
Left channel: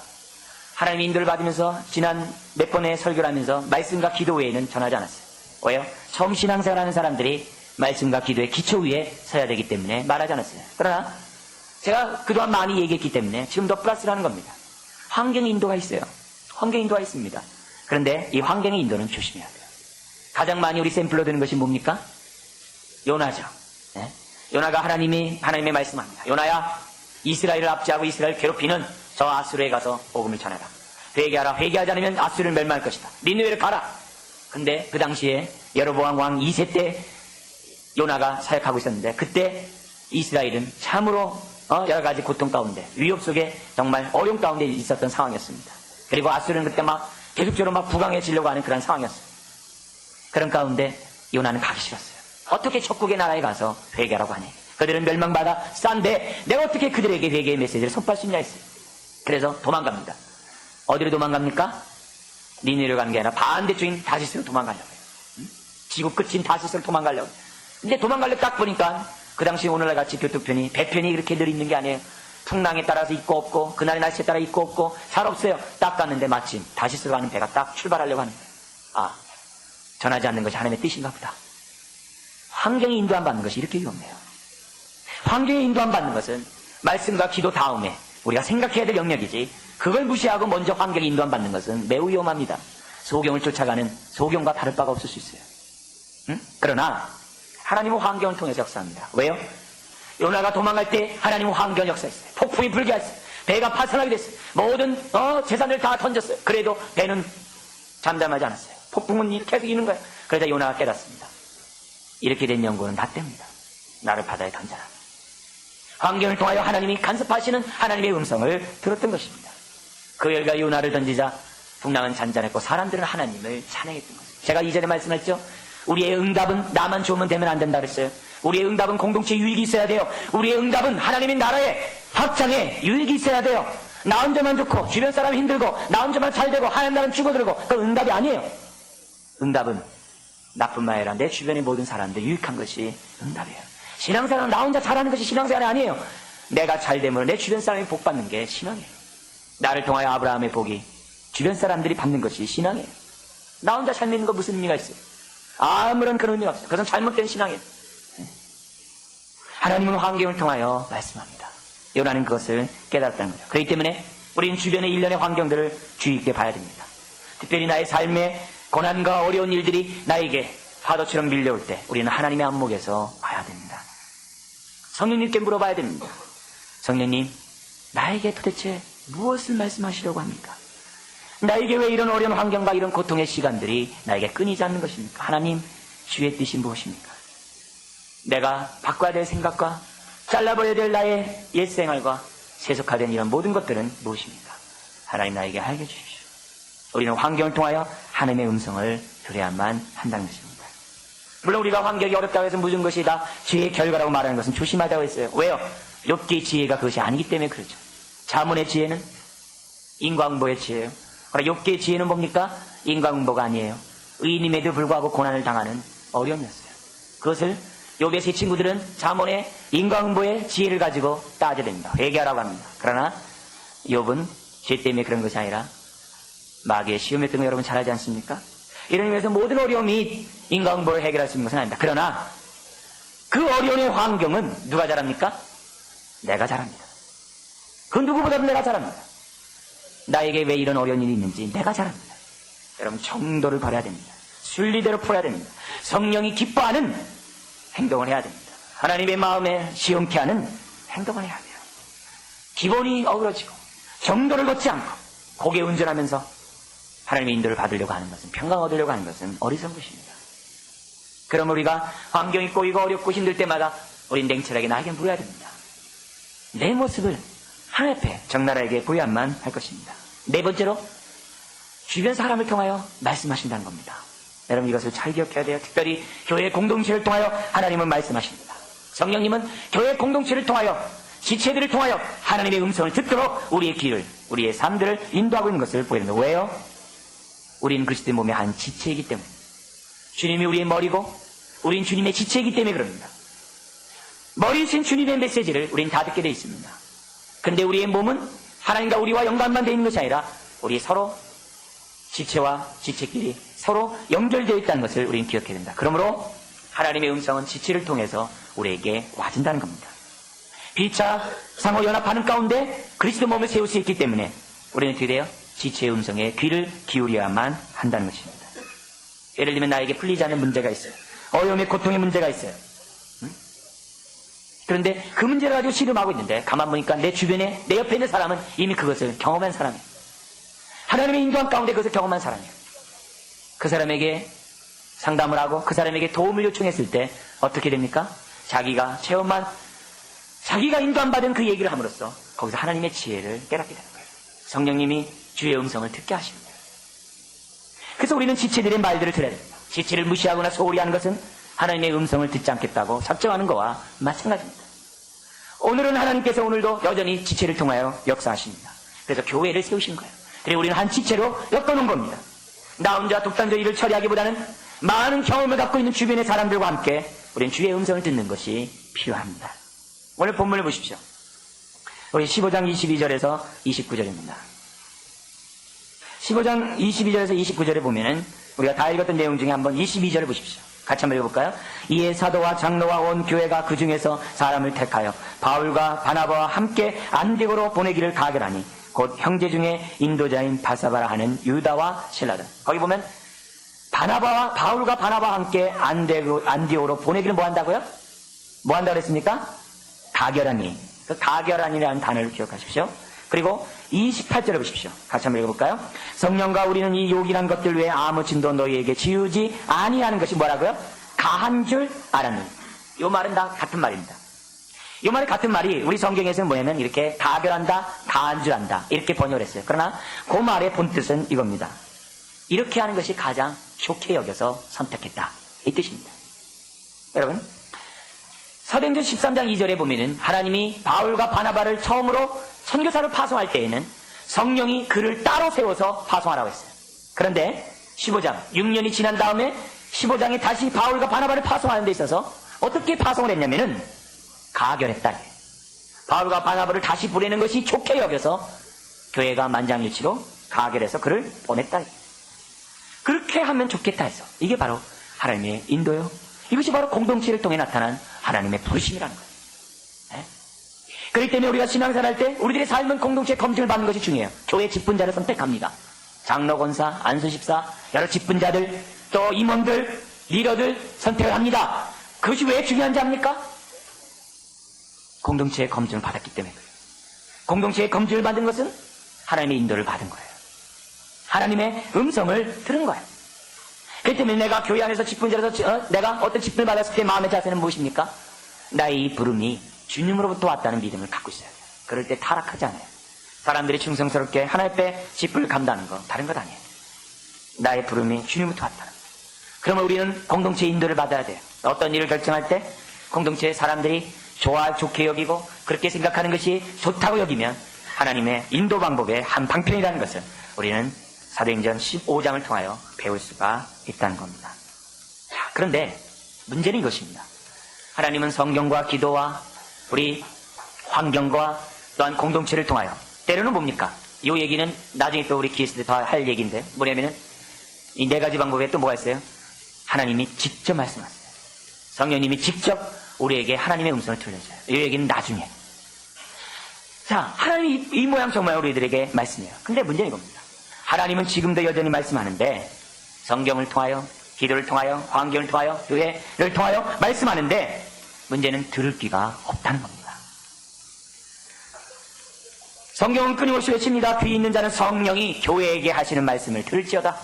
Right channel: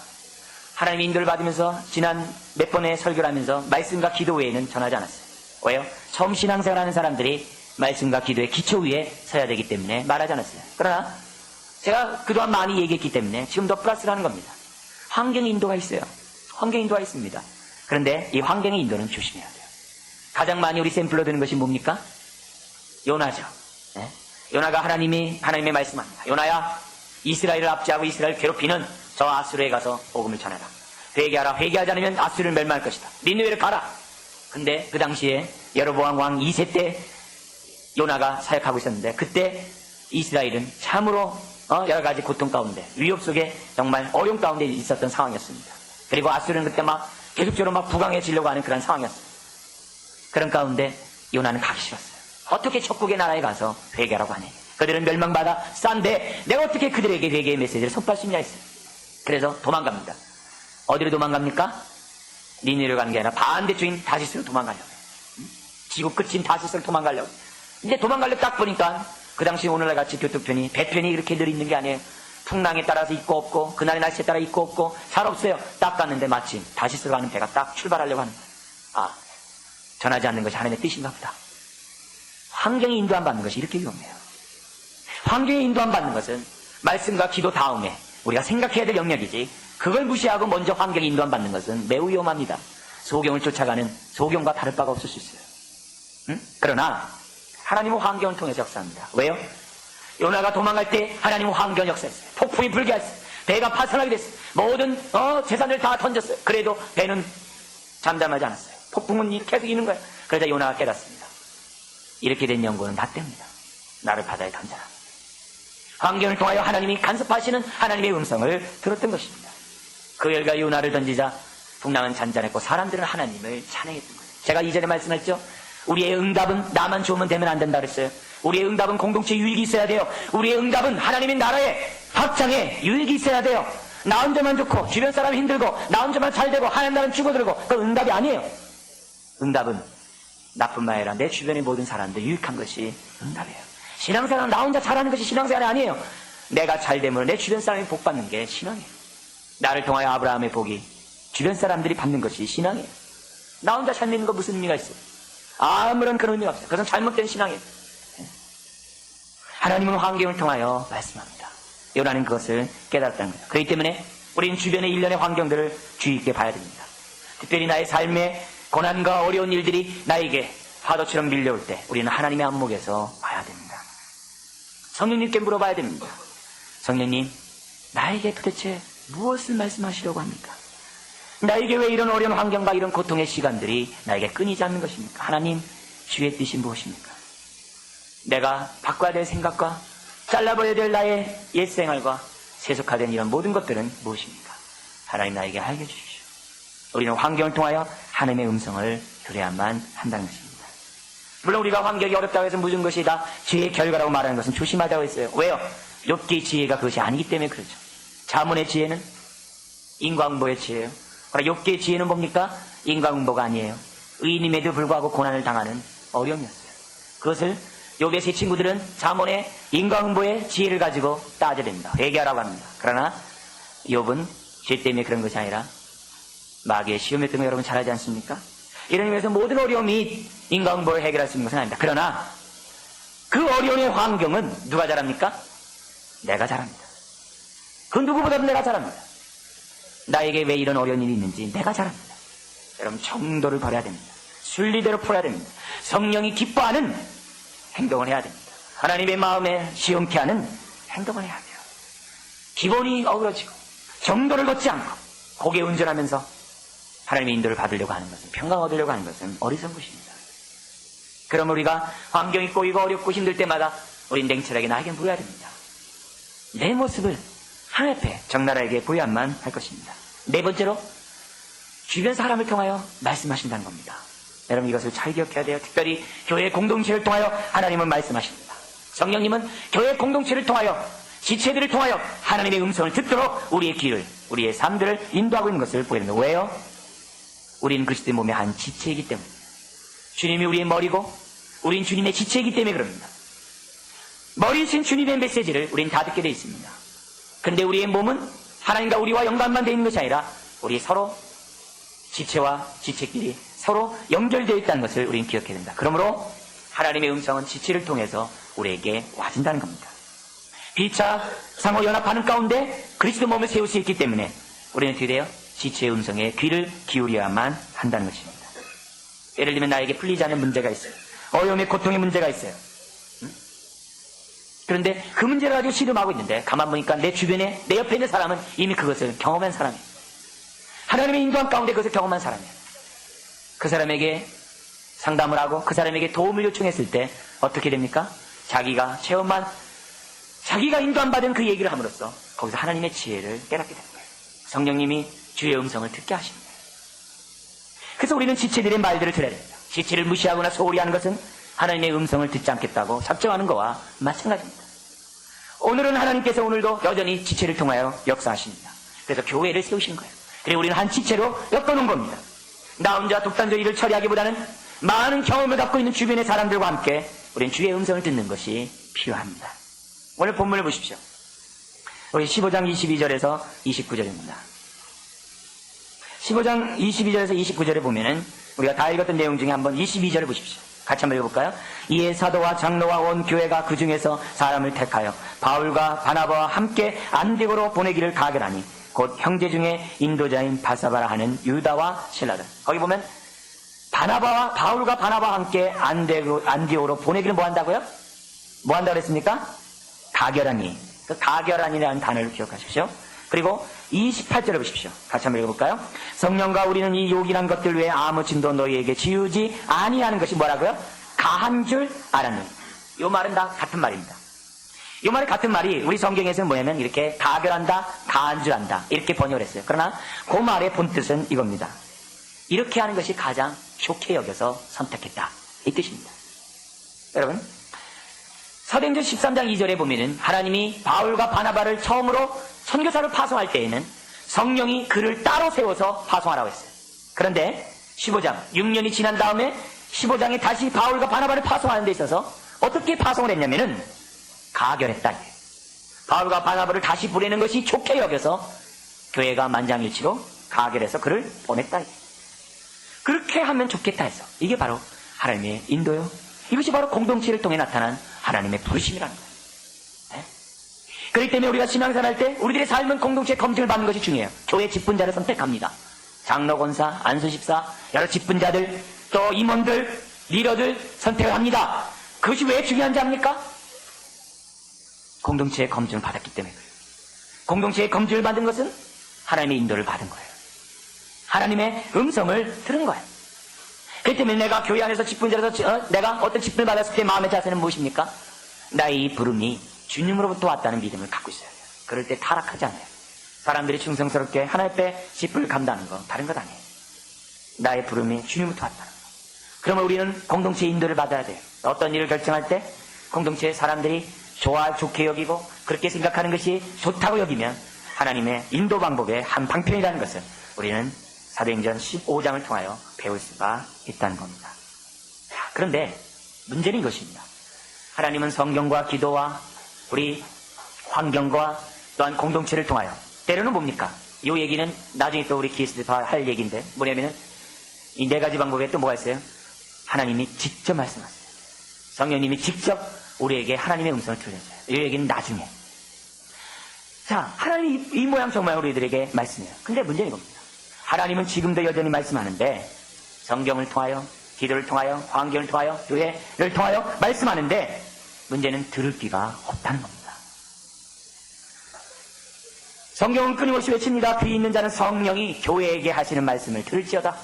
하나님의 인도를 받으면서 지난 몇 번의 설교를 하면서 말씀과 기도 외에는 전하지 않았어요. 왜요? 처음 신앙생활하는 사람들이 말씀과 기도의 기초 위에 서야 되기 때문에 말하지 않았어요. 그러나 제가 그동안 많이 얘기했기 때문에 지금 더 플러스를 하는 겁니다. 환경 인도가 있어요. 환경 인도가 있습니다. 그런데 이 환경의 인도는 조심해야 돼요. 가장 많이 우리 샘플로 되는 것이 뭡니까? 요나죠. 네? 요나가 하나님의 말씀합니다. 요나야, 이스라엘을 압제하고 이스라엘 괴롭히는 저 아수르에 가서 복음을 전하라. 회개하라. 회개하지 않으면 아수르를 멸망할 것이다. 니느웨를 가라. 근데 그 당시에 여로보암 왕 2세 때 요나가 사역하고 있었는데 그때 이스라엘은 참으로 여러 가지 고통 가운데 위협 속에 정말 어려움 가운데 있었던 상황이었습니다. 그리고 아수르는 그때 막 계속적으로 막 부강해지려고 하는 그런 상황이었어요. 그런 가운데 요나는 가기 싫었어요. 어떻게 적국의 나라에 가서 회개하라고 하네. 그들은 멸망받아 싼데 내가 어떻게 그들에게 회개의 메시지를 선포할 수 있냐 했어요. 그래서 도망갑니다. 어디로 도망갑니까? 니느웨로 가는 게 아니라 반대쪽인 다시스로 도망가려고. 지구 끝인 다시스로 도망가려고. 근데 도망가려고 딱 보니까 그 당시 오늘날 같이 교통편이 배편이 이렇게 늘 있는 게 아니에요. 풍랑에 따라서 있고 없고 그날의 날씨에 따라 있고 없고 잘 없어요. 딱 갔는데 마침 다시스로 가는 배가 딱 출발하려고 하는 거예요. 아, 전하지 않는 것이 하나님의 뜻인가 보다. 환경에 인도 안 받는 것이 이렇게 위험해요. 환경에 인도 안 받는 것은 말씀과 기도 다음에 우리가 생각해야 될 영역이지 그걸 무시하고 먼저 환경에 인도 안 받는 것은 매우 위험합니다. 소경을 쫓아가는 소경과 다를 바가 없을 수 있어요. 응? 그러나 하나님은 환경을 통해서 역사합니다. 왜요? 요나가 도망갈 때 하나님은 환경 역사했어요. 폭풍이 불게 했어요. 배가 파손하게 됐어요. 모든 재산을 다 던졌어요. 그래도 배는 잠잠하지 않았어요. 폭풍은 계속 이는 거예요. 그러자 요나가 깨닫습니다. 이렇게 된 영혼은 낫답니다. 나를 바다에 던져라. 환경을 통하여 하나님이 간섭하시는 하나님의 음성을 들었던 것입니다. 그 열과 요나를 던지자 풍랑은 잔잔했고 사람들은 하나님을 찬양했던 거죠. 제가 이전에 말씀했죠. 우리의 응답은 나만 좋으면 되면 안 된다 그랬어요. 우리의 응답은 공동체 유익이 있어야 돼요. 우리의 응답은 하나님의 나라의 확장에 유익이 있어야 돼요. 나 혼자만 좋고 주변 사람이 힘들고 나 혼자만 잘 되고 하나님 나라는 죽어들고 그건 응답이 아니에요. 응답은 나뿐만 아니라 내 주변의 모든 사람들 유익한 것이 응답이에요. 신앙생활은 나 혼자 잘하는 것이 신앙생활이 아니에요. 내가 잘되면 내 주변 사람이 복 받는 게 신앙이에요. 나를 통하여 아브라함의 복이 주변 사람들이 받는 것이 신앙이에요. 나 혼자 잘 믿는 거 무슨 의미가 있어요? 아무런 그런 의미가 없어요. 그것은 잘못된 신앙이에요. 하나님은 환경을 통하여 말씀합니다. 요나는 그것을 깨달았다는 거예요. 그렇기 때문에 우리는 주변의 일련의 환경들을 주의 있게 봐야 됩니다. 특별히 나의 삶의 고난과 어려운 일들이 나에게 파도처럼 밀려올 때 우리는 하나님의 안목에서 봐야 됩니다. 성령님께 물어봐야 됩니다. 성령님, 나에게 도대체 무엇을 말씀하시려고 합니까? 나에게 왜 이런 어려운 환경과 이런 고통의 시간들이 나에게 끊이지 않는 것입니까? 하나님, 주의 뜻이 무엇입니까? 내가 바꿔야 될 생각과 잘라버려야 될 나의 옛 생활과 세속화된 이런 모든 것들은 무엇입니까? 하나님 나에게 알려주십시오. 우리는 환경을 통하여 하나님의 음성을 들어야만 한다는 것입니다. 물론 우리가 환경이 어렵다고 해서 모든 것이 다 지혜의 결과라고 말하는 것은 조심하자고 했어요. 왜요? 욥기의 지혜가 그것이 아니기 때문에 그렇죠. 자문의 지혜는 인과응보의 지혜예요. 그러나 욥기의 지혜는 뭡니까? 인과응보가 아니에요. 의인임에도 불구하고 고난을 당하는 어려움이었어요. 그것을 욥의 세 친구들은 자문의 인과응보의 지혜를 가지고 따져야 됩니다. 회개하라고 합니다. 그러나 욥은 죄 때문에 그런 것이 아니라 마귀의 시험에 때문에 여러분 잘 알지 않습니까? 이런 의미에서 모든 어려움이 인과응보를 해결할 수 있는 것은 아닙니다. 그러나 그 어려움의 환경은 누가 잘합니까? 내가 잘합니다. 그 누구보다도 내가 잘합니다. 나에게 왜 이런 어려운 일이 있는지 내가 잘합니다. 여러분 정도를 버려야 됩니다. 순리대로 풀어야 됩니다. 성령이 기뻐하는 행동을 해야 됩니다. 하나님의 마음에 시험케 하는 행동을 해야 돼요. 기본이 어그러지고 정도를 걷지 않고 고개 운전하면서 하나님의 인도를 받으려고 하는 것은 평강 얻으려고 하는 것은 어리석은 것입니다. 그럼 우리가 환경이 꼬이고 어렵고 힘들 때마다 우린 냉철하게 나에게 물어야 됩니다. 내 모습을 하나님 앞에 적나라하게 보여야만 할 것입니다. 네 번째로 주변 사람을 통하여 말씀하신다는 겁니다. 여러분 이것을 잘 기억해야 돼요. 특별히 교회 공동체를 통하여 하나님은 말씀하십니다. 성령님은 교회 공동체를 통하여 지체들을 통하여 하나님의 음성을 듣도록 우리의 길을, 우리의 삶들을 인도하고 있는 것을 보입니다. 왜요? 우리는 그리스도의 몸의 한 지체이기 때문에, 주님이 우리의 머리고 우린 주님의 지체이기 때문에 그럽니다. 머리이신 주님의 메시지를 우린 다 듣게 되어 있습니다. 그런데 우리의 몸은 하나님과 우리와 연관만 되어 있는 것이 아니라 우리 서로 지체와 지체끼리 서로 연결되어 있다는 것을 우리는 기억해야 된다. 그러므로 하나님의 음성은 지체를 통해서 우리에게 와진다는 겁니다. 피차 상호 연합하는 가운데 그리스도 몸을 세울 수 있기 때문에 우리는 어떻게 돼요? 지체의 음성에 귀를 기울여야만 한다는 것입니다. 예를 들면 나에게 풀리지 않는 문제가 있어요. 어려움의 고통의 문제가 있어요. 그런데 그 문제를 가지고 씨름하고 있는데 가만 보니까 내 주변에 내 옆에 있는 사람은 이미 그것을 경험한 사람이에요. 하나님의 인도함 가운데 그것을 경험한 사람이에요. 그 사람에게 상담을 하고 그 사람에게 도움을 요청했을 때 어떻게 됩니까? 자기가 인도함 받은 그 얘기를 함으로써 거기서 하나님의 지혜를 깨닫게 되는 거예요. 성령님이 주의 음성을 듣게 하십니다. 그래서 우리는 지체들의 말들을 들어야 됩니다. 지체를 무시하거나 소홀히 하는 것은 하나님의 음성을 듣지 않겠다고 작정하는 것과 마찬가지입니다. 오늘은 하나님께서 오늘도 여전히 지체를 통하여 역사하십니다. 그래서 교회를 세우신 거예요. 그리고 우리는 한 지체로 엮어놓은 겁니다. 나 혼자 독단적으로 일을 처리하기보다는 많은 경험을 갖고 있는 주변의 사람들과 함께 우리는 주의 음성을 듣는 것이 필요합니다. 오늘 본문을 보십시오. 우리 15장 22절에서 29절입니다. 15장 22절에서 29절에 보면은 우리가 다 읽었던 내용 중에 한번 22절을 보십시오. 같이 한번 읽어볼까요? 이에 사도와 장로와 온 교회가 그 중에서 사람을 택하여 바울과 바나바와 함께 안디고로 보내기를 가결하니 곧 형제 중에 인도자인 바사바라 하는 유다와 실라다. 거기 보면 바울과 바나바와 함께 안디오로 보내기를 뭐 한다고요? 뭐 한다고 했습니까? 가결하니. 가결하니라는 단어를 기억하십시오. 그리고 28절을 보십시오. 같이 한번 읽어볼까요? 성령과 우리는 이 요긴한 것들 외에 아무 짐도 너희에게 지우지 아니하는 것이 뭐라고요? 가한 줄 알았니. 이 말은 다 같은 말입니다. 이 말이 같은 말이 우리 성경에서는 뭐냐면 이렇게 가결한다, 가한 줄 안다 이렇게 번역을 했어요. 그러나 그 말의 본뜻은 이겁니다. 이렇게 하는 것이 가장 좋게 여겨서 선택했다 이 뜻입니다. 여러분 사도행전 13장 2절에 보면은 하나님이 바울과 바나바를 처음으로 선교사로 파송할 때에는 성령이 그를 따로 세워서 파송하라고 했어요. 그런데 15장 6년이 지난 다음에 15장에 다시 바울과 바나바를 파송하는 데 있어서 어떻게 파송을 했냐면은 가결했다. 바울과 바나바를 다시 보내는 것이 좋게 여겨서 교회가 만장일치로 가결해서 그를 보냈다. 그렇게 하면 좋겠다 해서 이게 바로 하나님의 인도요. 이것이 바로 공동체를 통해 나타난 하나님의 부르심이라는 거예요. 네? 그렇기 때문에 우리가 신앙생활 할 때 우리들의 삶은 공동체 검증을 받는 것이 중요해요. 교회 직분자를 선택합니다. 장로, 권사, 안수집사, 여러 직분자들, 또 임원들, 리더들 선택을 합니다. 그것이 왜 중요한지 압니까? 공동체의 검증을 받았기 때문에. 공동체의 검증을 받은 것은 하나님의 인도를 받은 거예요. 하나님의 음성을 들은 거예요. 그렇기 때문에 내가 교회 안에서 직분자로서 내가 어떤 직분을 받았을 때 마음의 자세는 무엇입니까? 나의 이 부름이 주님으로부터 왔다는 믿음을 갖고 있어야 돼요. 그럴 때 타락하지 않아요. 사람들이 충성스럽게 하나님 앞에 직분을 간다는 건 다른 것 아니에요. 나의 부름이 주님부터 왔다. 그러면 우리는 공동체의 인도를 받아야 돼요. 어떤 일을 결정할 때 공동체의 사람들이 좋게 여기고 그렇게 생각하는 것이 좋다고 여기면 하나님의 인도 방법의 한 방편이라는 것을 우리는 사도행전 15장을 통하여 배울 수가 있다는 겁니다. 그런데 문제는 이것입니다. 하나님은 성경과 기도와 우리 환경과 또한 공동체를 통하여 때로는 뭡니까? 이 얘기는 나중에 또 우리 기회에 다 할 얘기인데 뭐냐면은 이 네 가지 방법에 또 뭐가 있어요? 하나님이 직접 말씀하세요. 성령님이 직접 우리에게 하나님의 음성을 들려줘요. 이 얘기는 나중에. 자, 하나님이 이 모양 정말 우리들에게 말씀해요. 근데 문제는 이겁니다. 하나님은 지금도 여전히 말씀하는데 성경을 통하여 기도를 통하여 환경을 통하여 교회를 통하여 말씀하는데 문제는 들을 귀가 없다는 겁니다. 성경은 끊임없이 외칩니다. 귀 있는 자는 성령이 교회에게 하시는 말씀을 들을지어다.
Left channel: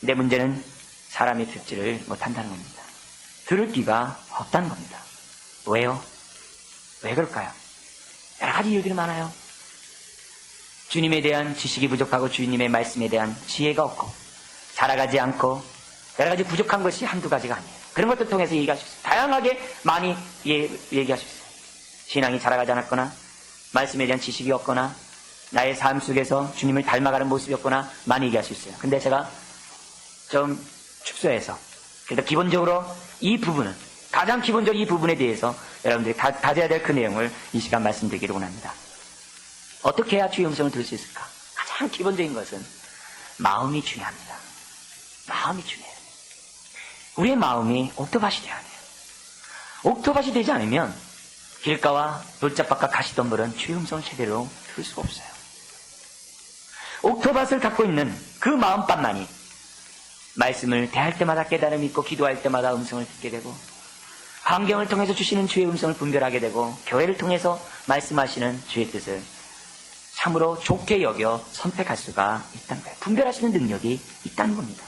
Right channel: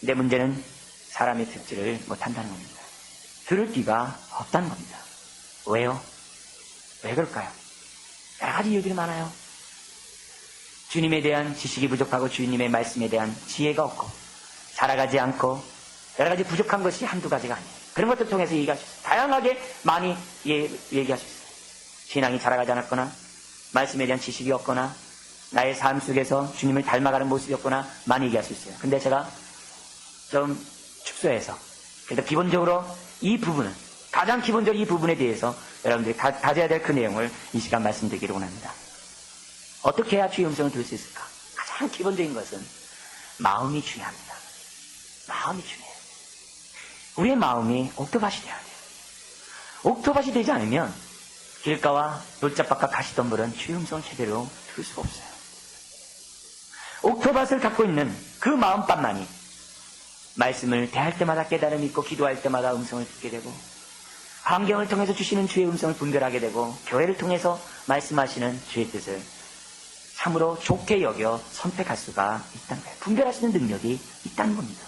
근데 문제는 사람이 듣지를 못한다는 겁니다. 들을 귀가 없다는 겁니다. 왜요? 왜 그럴까요? 여러 가지 이유들이 많아요. 주님에 대한 지식이 부족하고 주님의 말씀에 대한 지혜가 없고 자라가지 않고 여러 가지 부족한 것이 한두 가지가 아니에요. 그런 것도 통해서 얘기할 수 있어요. 다양하게 많이 얘기할 수 있어요. 신앙이 자라가지 않았거나 말씀에 대한 지식이 없거나 나의 삶 속에서 주님을 닮아가는 모습이 없거나 많이 얘기할 수 있어요. 근데 제가 좀 축소해서 그래도 기본적으로 이 부분은 가장 기본적으로 이 부분에 대해서 여러분들이 가져야 될 그 내용을 이 시간 말씀드리기를 원합니다. 어떻게 해야 주의 음성을 들을 수 있을까? 가장 기본적인 것은 마음이 중요합니다. 마음이 중요해요. 우리의 마음이 옥토밭이 되어야 돼요. 옥토밭이 되지 않으면 길가와 돌짝밭과 가시덤불은 주의 음성을 제대로 들을 수가 없어요. 옥토밭을 갖고 있는 그 마음밭만이 말씀을 대할 때마다 깨달음이 있고 기도할 때마다 음성을 듣게 되고 환경을 통해서 주시는 주의 음성을 분별하게 되고 교회를 통해서 말씀하시는 주의 뜻을 참으로 좋게 여겨 선택할 수가 있다는 거예요. 분별하시는 능력이 있다는 겁니다.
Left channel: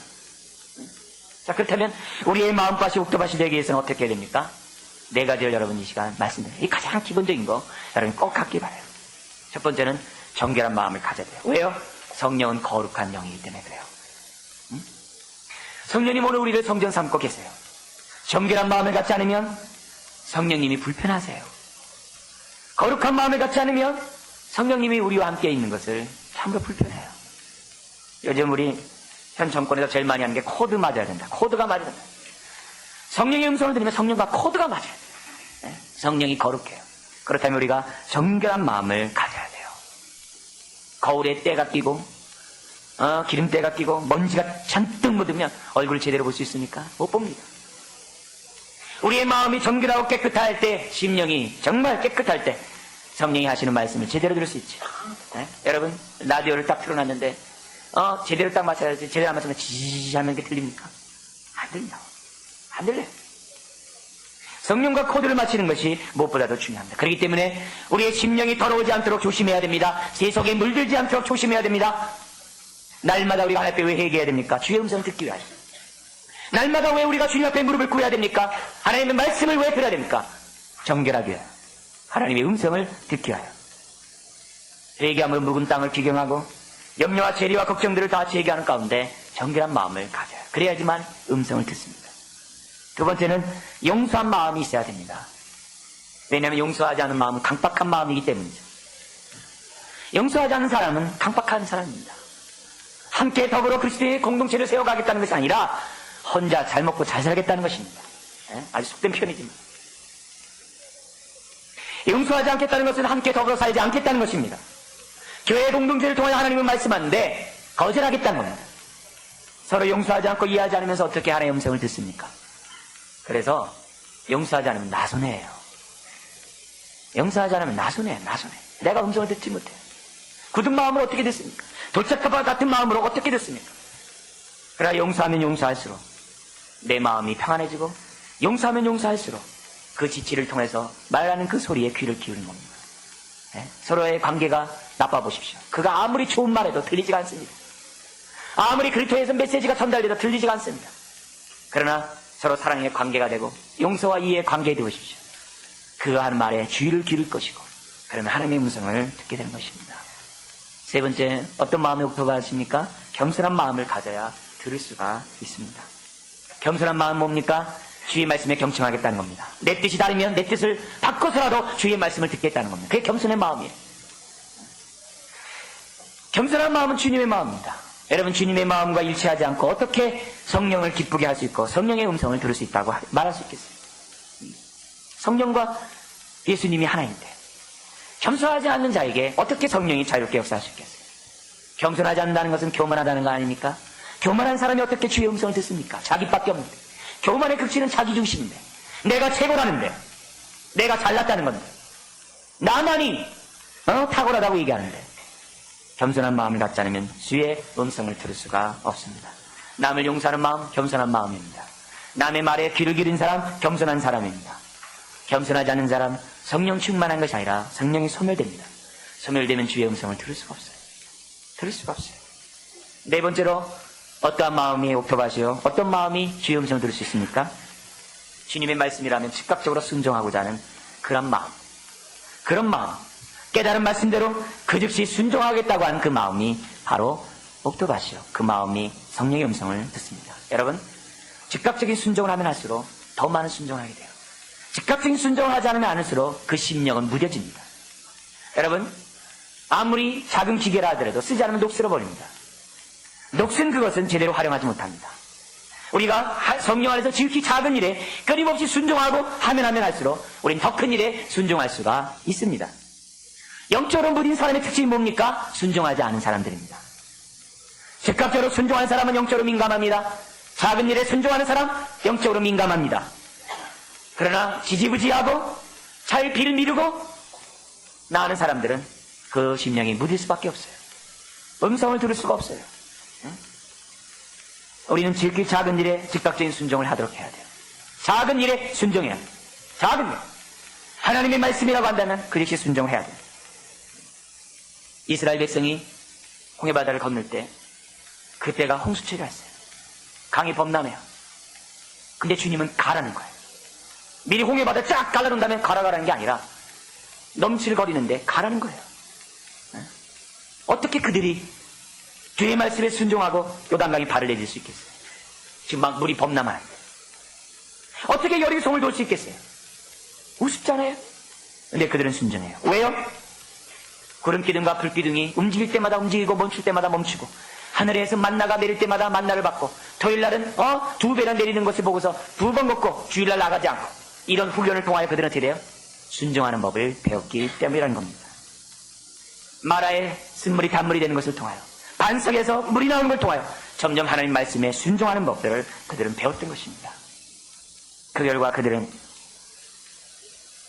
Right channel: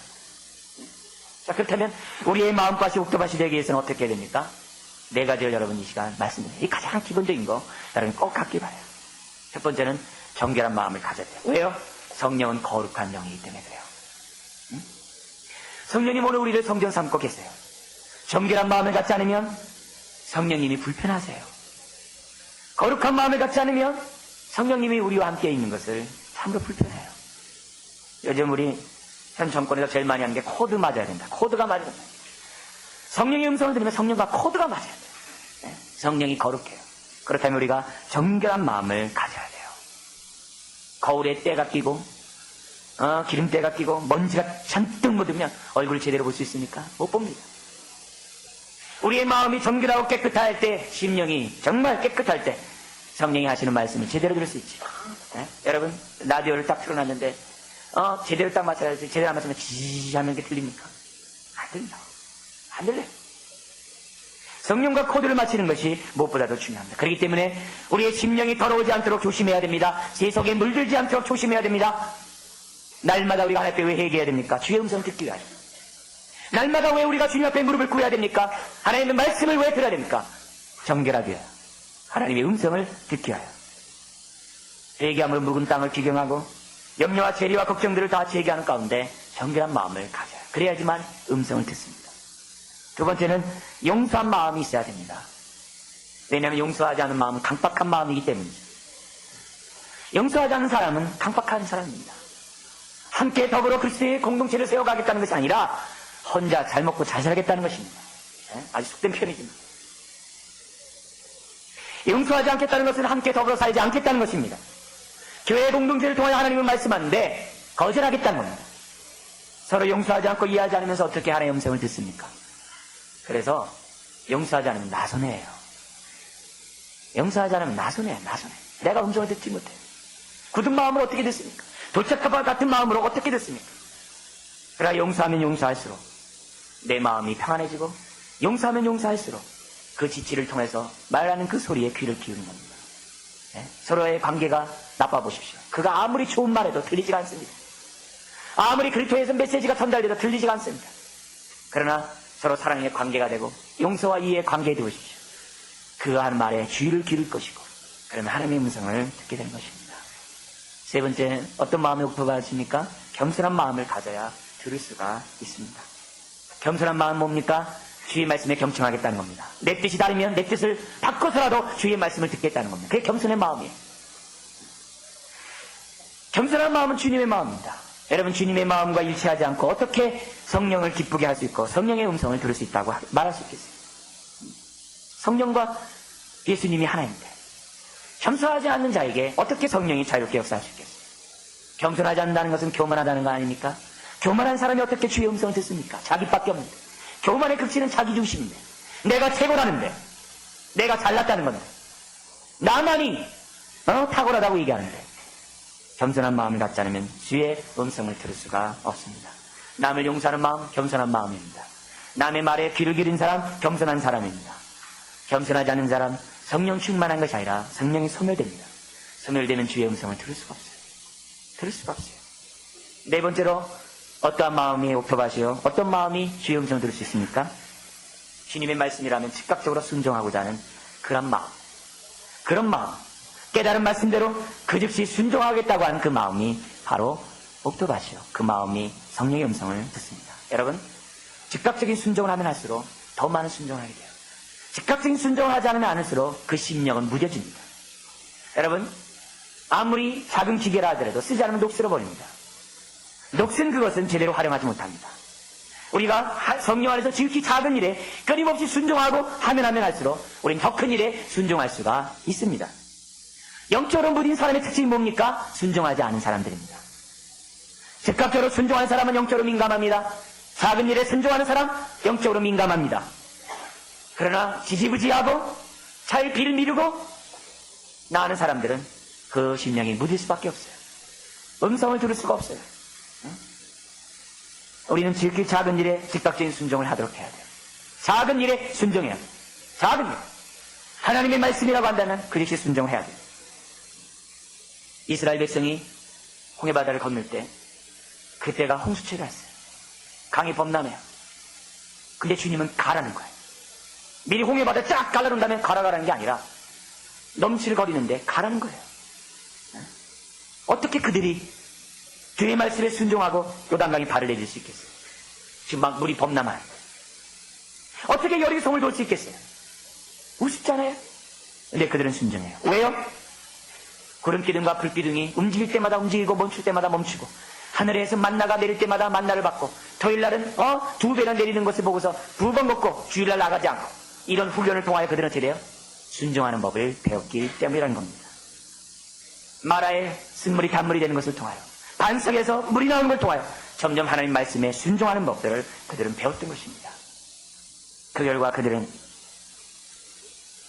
자, 그렇다면 우리의 마음밭이 옥토밭이 되기 위해서는 어떻게 해야 됩니까? 네 가지를 여러분 이 시간 말씀드려요. 이 가장 기본적인 거 여러분 꼭 갖기 바라요. 첫 번째는 정결한 마음을 가져야 돼요. 왜요? 성령은 거룩한 영이기 때문에 그래요. 성령님 오늘 우리를 성전 삼고 계세요. 정결한 마음을 갖지 않으면 성령님이 불편하세요. 거룩한 마음을 갖지 않으면 성령님이 우리와 함께 있는 것을 참으로 불편해요. 요즘 우리 현 정권에서 제일 많이 하는 게 코드 맞아야 된다. 코드가 맞아야 된다. 성령의 음성을 들으면 성령과 코드가 맞아야 돼요. 네? 성령이 거룩해요. 그렇다면 우리가 정결한 마음을 가져야 돼요. 거울에 때가 끼고 기름때가 끼고 먼지가 잔뜩 묻으면 얼굴을 제대로 볼 수 있습니까? 못 봅니다. 우리의 마음이 정결하고 깨끗할 때, 심령이 정말 깨끗할 때 성령이 하시는 말씀을 제대로 들을 수 있죠. 네? 여러분 라디오를 딱 틀어놨는데 제대로 딱 맞춰야지 제대로 안 맞추면 지지지 하는 게 들립니까? 안 들려. 안 들려요. 성령과 코드를 맞추는 것이 무엇보다도 중요합니다. 그렇기 때문에 우리의 심령이 더러우지 않도록 조심해야 됩니다. 세속에 물들지 않도록 조심해야 됩니다. 날마다 우리가 하나님 앞에 왜 회개해야 됩니까? 주의 음성을 듣기 위하여. 날마다 왜 우리가 주님 앞에 무릎을 꿇어야 됩니까? 하나님의 말씀을 왜 들어야 됩니까? 정결하게 하여 하나님의 음성을 듣기 위하여. 회개함으로 묵은 땅을 비경하고 염려와 재리와 걱정들을 다 제기하는 가운데 정결한 마음을 가져요. 그래야지만 음성을 듣습니다. 두 번째는 용서한 마음이 있어야 됩니다. 왜냐하면 용서하지 않은 마음은 강박한 마음이기 때문이죠. 용서하지 않는 사람은 강박한 사람입니다. 함께 더불어 그리스도의 공동체를 세워가겠다는 것이 아니라 혼자 잘 먹고 잘 살겠다는 것입니다. 아주 속된 표현이죠. 용서하지 않겠다는 것은 함께 더불어 살지 않겠다는 것입니다. 교회 공동체를 통하여 하나님은 말씀하는데 거절하겠다는 겁니다. 서로 용서하지 않고 이해하지 않으면서 어떻게 하나님의 음성을 듣습니까? 그래서 용서하지 않으면 나손해요. 용서하지 않으면 나손해요. 내가 음성을 듣지 못해요. 굳은 마음으로 어떻게 듣습니까? 돌짝밭 같은 마음으로 어떻게 듣습니까? 그러나 용서하면 용서할수록 내 마음이 평안해지고 용서하면 용서할수록 그 지치를 통해서 말하는 그 소리에 귀를 기울이는 겁니다. 네? 서로의 관계가 나빠보십시오. 그가 아무리 좋은 말해도 들리지가 않습니다. 아무리 그리스도에서 메시지가 전달돼도 들리지가 않습니다. 그러나 서로 사랑의 관계가 되고 용서와 이해의 관계에 들으십시오. 그가 하는 말에 귀를 기울일 것이고 그러면 하나님의 음성을 듣게 되는 것입니다. 세 번째, 어떤 마음의 목표가 있습니까? 겸손한 마음을 가져야 들을 수가 있습니다. 겸손한 마음은 뭡니까? 주의 말씀에 경청하겠다는 겁니다. 내 뜻이 다르면 내 뜻을 바꿔서라도 주의 말씀을 듣겠다는 겁니다. 그게 겸손의 마음이에요. 겸손한 마음은 주님의 마음입니다. 여러분, 주님의 마음과 일치하지 않고 어떻게 성령을 기쁘게 할 수 있고 성령의 음성을 들을 수 있다고 말할 수 있겠어요? 성령과 예수님이 하나인데 겸손하지 않는 자에게 어떻게 성령이 자유롭게 역사할 수 있겠어요? 겸손하지 않는다는 것은 교만하다는 거 아닙니까? 교만한 사람이 어떻게 주의 음성을 듣습니까? 자기밖에 없는데. 교만의 극치는 자기 중심인데. 내가 최고라는데. 내가 잘났다는 겁니다. 나만이 탁월하다고 얘기하는데. 겸손한 마음을 갖지 않으면 주의 음성을 들을 수가 없습니다. 남을 용서하는 마음, 겸손한 마음입니다. 남의 말에 귀를 기른 사람, 겸손한 사람입니다. 겸손하지 않는 사람, 성령 충만한 것이 아니라 성령이 소멸됩니다. 소멸되면 주의 음성을 들을 수가 없어요. 들을 수가 없어요. 네 번째로 어떠한 마음이 옥토밭이요? 어떤 마음이 주의 음성을 들을 수 있습니까? 주님의 말씀이라면 즉각적으로 순종하고자 하는 그런 마음. 그런 마음. 깨달은 말씀대로 그 즉시 순종하겠다고 하는 그 마음이 바로 옥토밭이요. 그 마음이 성령의 음성을 듣습니다. 여러분, 즉각적인 순종을 하면 할수록 더 많은 순종을 하게 돼요. 즉각적인 순종을 하지 않으면 않을수록 그 심령은 무뎌집니다. 여러분, 아무리 작은 기계라 하더라도 쓰지 않으면 녹슬어 버립니다. 녹슨 그것은 제대로 활용하지 못합니다. 우리가 성령 안에서 지극히 작은 일에 끊임없이 순종하고 하면 할수록 우리는 더 큰 일에 순종할 수가 있습니다. 영적으로 무딘 사람의 특징이 뭡니까? 순종하지 않은 사람들입니다. 즉각적으로 순종하는 사람은 영적으로 민감합니다. 작은 일에 순종하는 사람 영적으로 민감합니다. 그러나 지지부지하고 잘 비를 미루고 나가는 사람들은 그 심령이 무딜 수밖에 없어요. 음성을 들을 수가 없어요. 우리는 지극히 작은 일에 즉각적인 순종을 하도록 해야 돼요. 작은 일에 순종해야 돼요. 작은 일. 하나님의 말씀이라고 한다면 그 즉시 순종을 해야 돼요. 이스라엘 백성이 홍해바다를 건널 때 그때가 홍수철이라 했어요. 강이 범람해요. 근데 주님은 가라는 거예요. 미리 홍해바다 쫙 갈라놓은 다음에 가라는 게 아니라 넘실거리는데 가라는 거예요. 어떻게 그들이 주의 말씀에 순종하고 요단강에 발을 내딜 수 있겠어요? 지금 막 물이 범람하는데 어떻게 여리고성을 돌 수 있겠어요? 우습잖아요. 근데 그들은 순종해요. 왜요? 구름기둥과 불기둥이 움직일 때마다 움직이고 멈출 때마다 멈추고 하늘에서 만나가 내릴 때마다 만나를 받고 토요일날은 2배나 내리는 것을 보고서 2번 걷고 주일날 나가지 않고 이런 훈련을 통하여 그들은 어떻게 돼요? 순종하는 법을 배웠기 때문이라는 겁니다. 마라에 쓴물이 단물이 되는 것을 통하여 반석에서 물이 나오는 걸 통하여 점점 하나님 말씀에 순종하는 법들을 그들은 배웠던 것입니다. 그 결과 그들은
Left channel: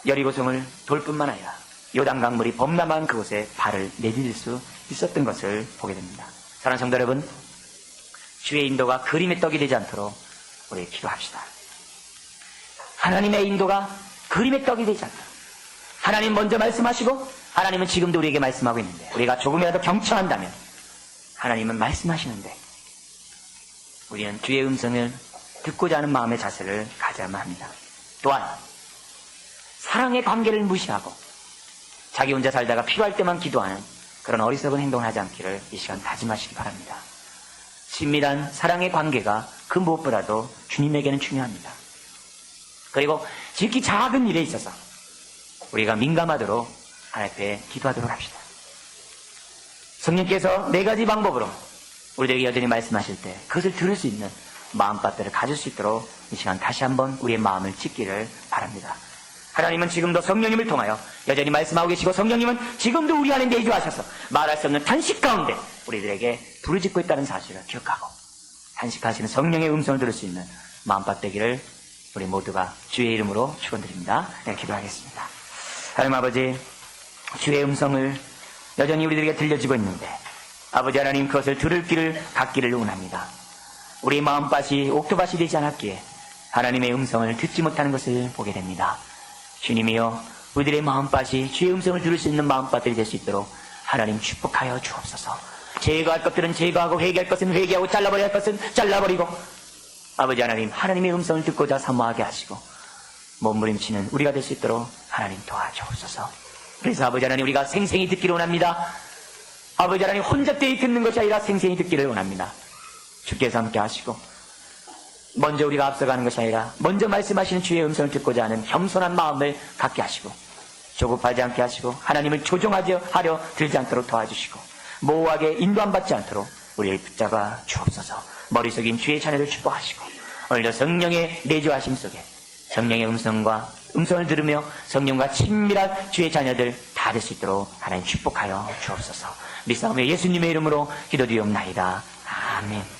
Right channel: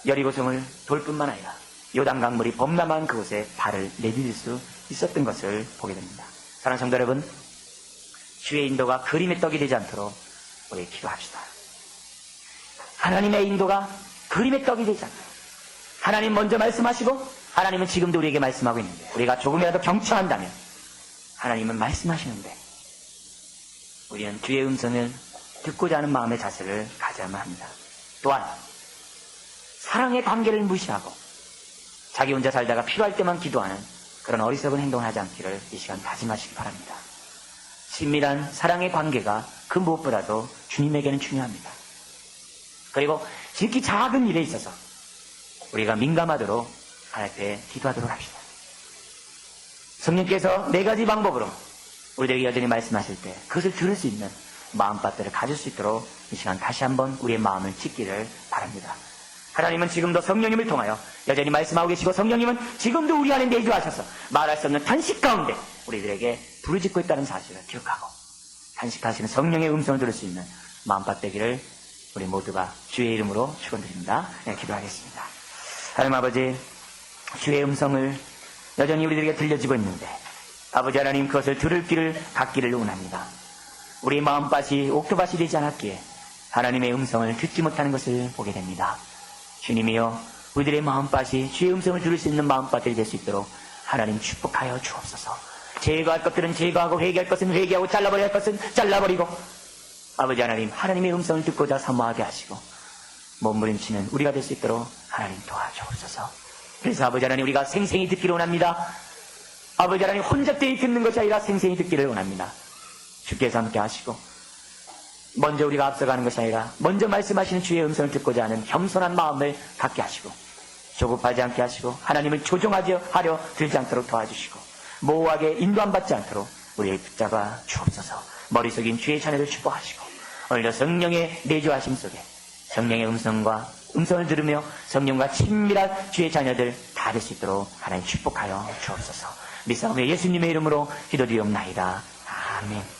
여리고성을 돌 뿐만 아니라 요단강 물이 범람한 그곳에 발을 내디딜 수 있었던 것을 보게 됩니다. 사랑하는 성도 여러분, 주의 인도가 그림의 떡이 되지 않도록 우리 기도합시다. 하나님의 인도가 그림의 떡이 되지 않도록 하나님 먼저 말씀하시고 하나님은 지금도 우리에게 말씀하고 있는데 우리가 조금이라도 경청한다면 하나님은 말씀하시는데 우리는 주의 음성을 듣고자 하는 마음의 자세를 가져야만 합니다. 또한 사랑의 관계를 무시하고 자기 혼자 살다가 필요할 때만 기도하는 그런 어리석은 행동을 하지 않기를 이 시간 다짐하시기 바랍니다. 친밀한 사랑의 관계가 그 무엇보다도 주님에게는 중요합니다. 그리고 지극히 작은 일에 있어서 우리가 민감하도록 하나님 앞에 기도하도록 합시다. 성령께서 4가지 방법으로 우리들에게 여전히 말씀하실 때 그것을 들을 수 있는 마음밭들을 가질 수 있도록 이 시간 다시 한번 우리의 마음을 찢기를 바랍니다. 하나님은 지금도 성령님을 통하여 여전히 말씀하고 계시고 성령님은 지금도 우리 안에 내주하셔서 말할 수 없는 탄식 가운데 우리들에게 부르짖고 있다는 사실을 기억하고 탄식하시는 성령의 음성을 들을 수 있는 마음밭 되기를 우리 모두가 주의 이름으로 축원드립니다. 네, 기도하겠습니다. 하나님 아버지, 주의 음성을 여전히 우리들에게 들려지고 있는데 아버지 하나님 그것을 들을 길을 갖기를 원합니다. 우리 마음밭이 옥토밭이 되지 않았기에 하나님의 음성을 듣지 못하는 것을 보게 됩니다. 주님이여, 우리들의 마음밭이 주의 음성을 들을 수 있는 마음밭들이 될 수 있도록 하나님 축복하여 주옵소서. 제거할 것들은 제거하고 회개할 것은 회개하고 잘라버려야 할 것은 잘라버리고 아버지 하나님, 하나님의 음성을 듣고자 사모하게 하시고 몸부림치는 우리가 될 수 있도록 하나님 도와주옵소서. 그래서 아버지 하나님, 우리가 생생히 듣기를 원합니다. 아버지 하나님, 혼자 때에 듣는 것이 아니라 생생히 듣기를 원합니다. 주께서 함께 하시고 먼저 우리가 앞서가는 것이 아니라 먼저 말씀하시는 주의 음성을 듣고자 하는 겸손한 마음을 갖게 하시고 조급하지 않게 하시고 하나님을 조종하려 들지 않도록 도와주시고 모호하게 인도 안 받지 않도록 우리를 붙잡아 주옵소서. 머릿속인 주의 자녀를 축복하시고 오늘도 성령의 내주하심 속에 성령의 음성을 들으며 성령과 친밀한 주의 자녀들 다 될 수 있도록 하나님 축복하여 주옵소서. 믿사오며 예수님의 이름으로 기도드리옵나이다. 아멘.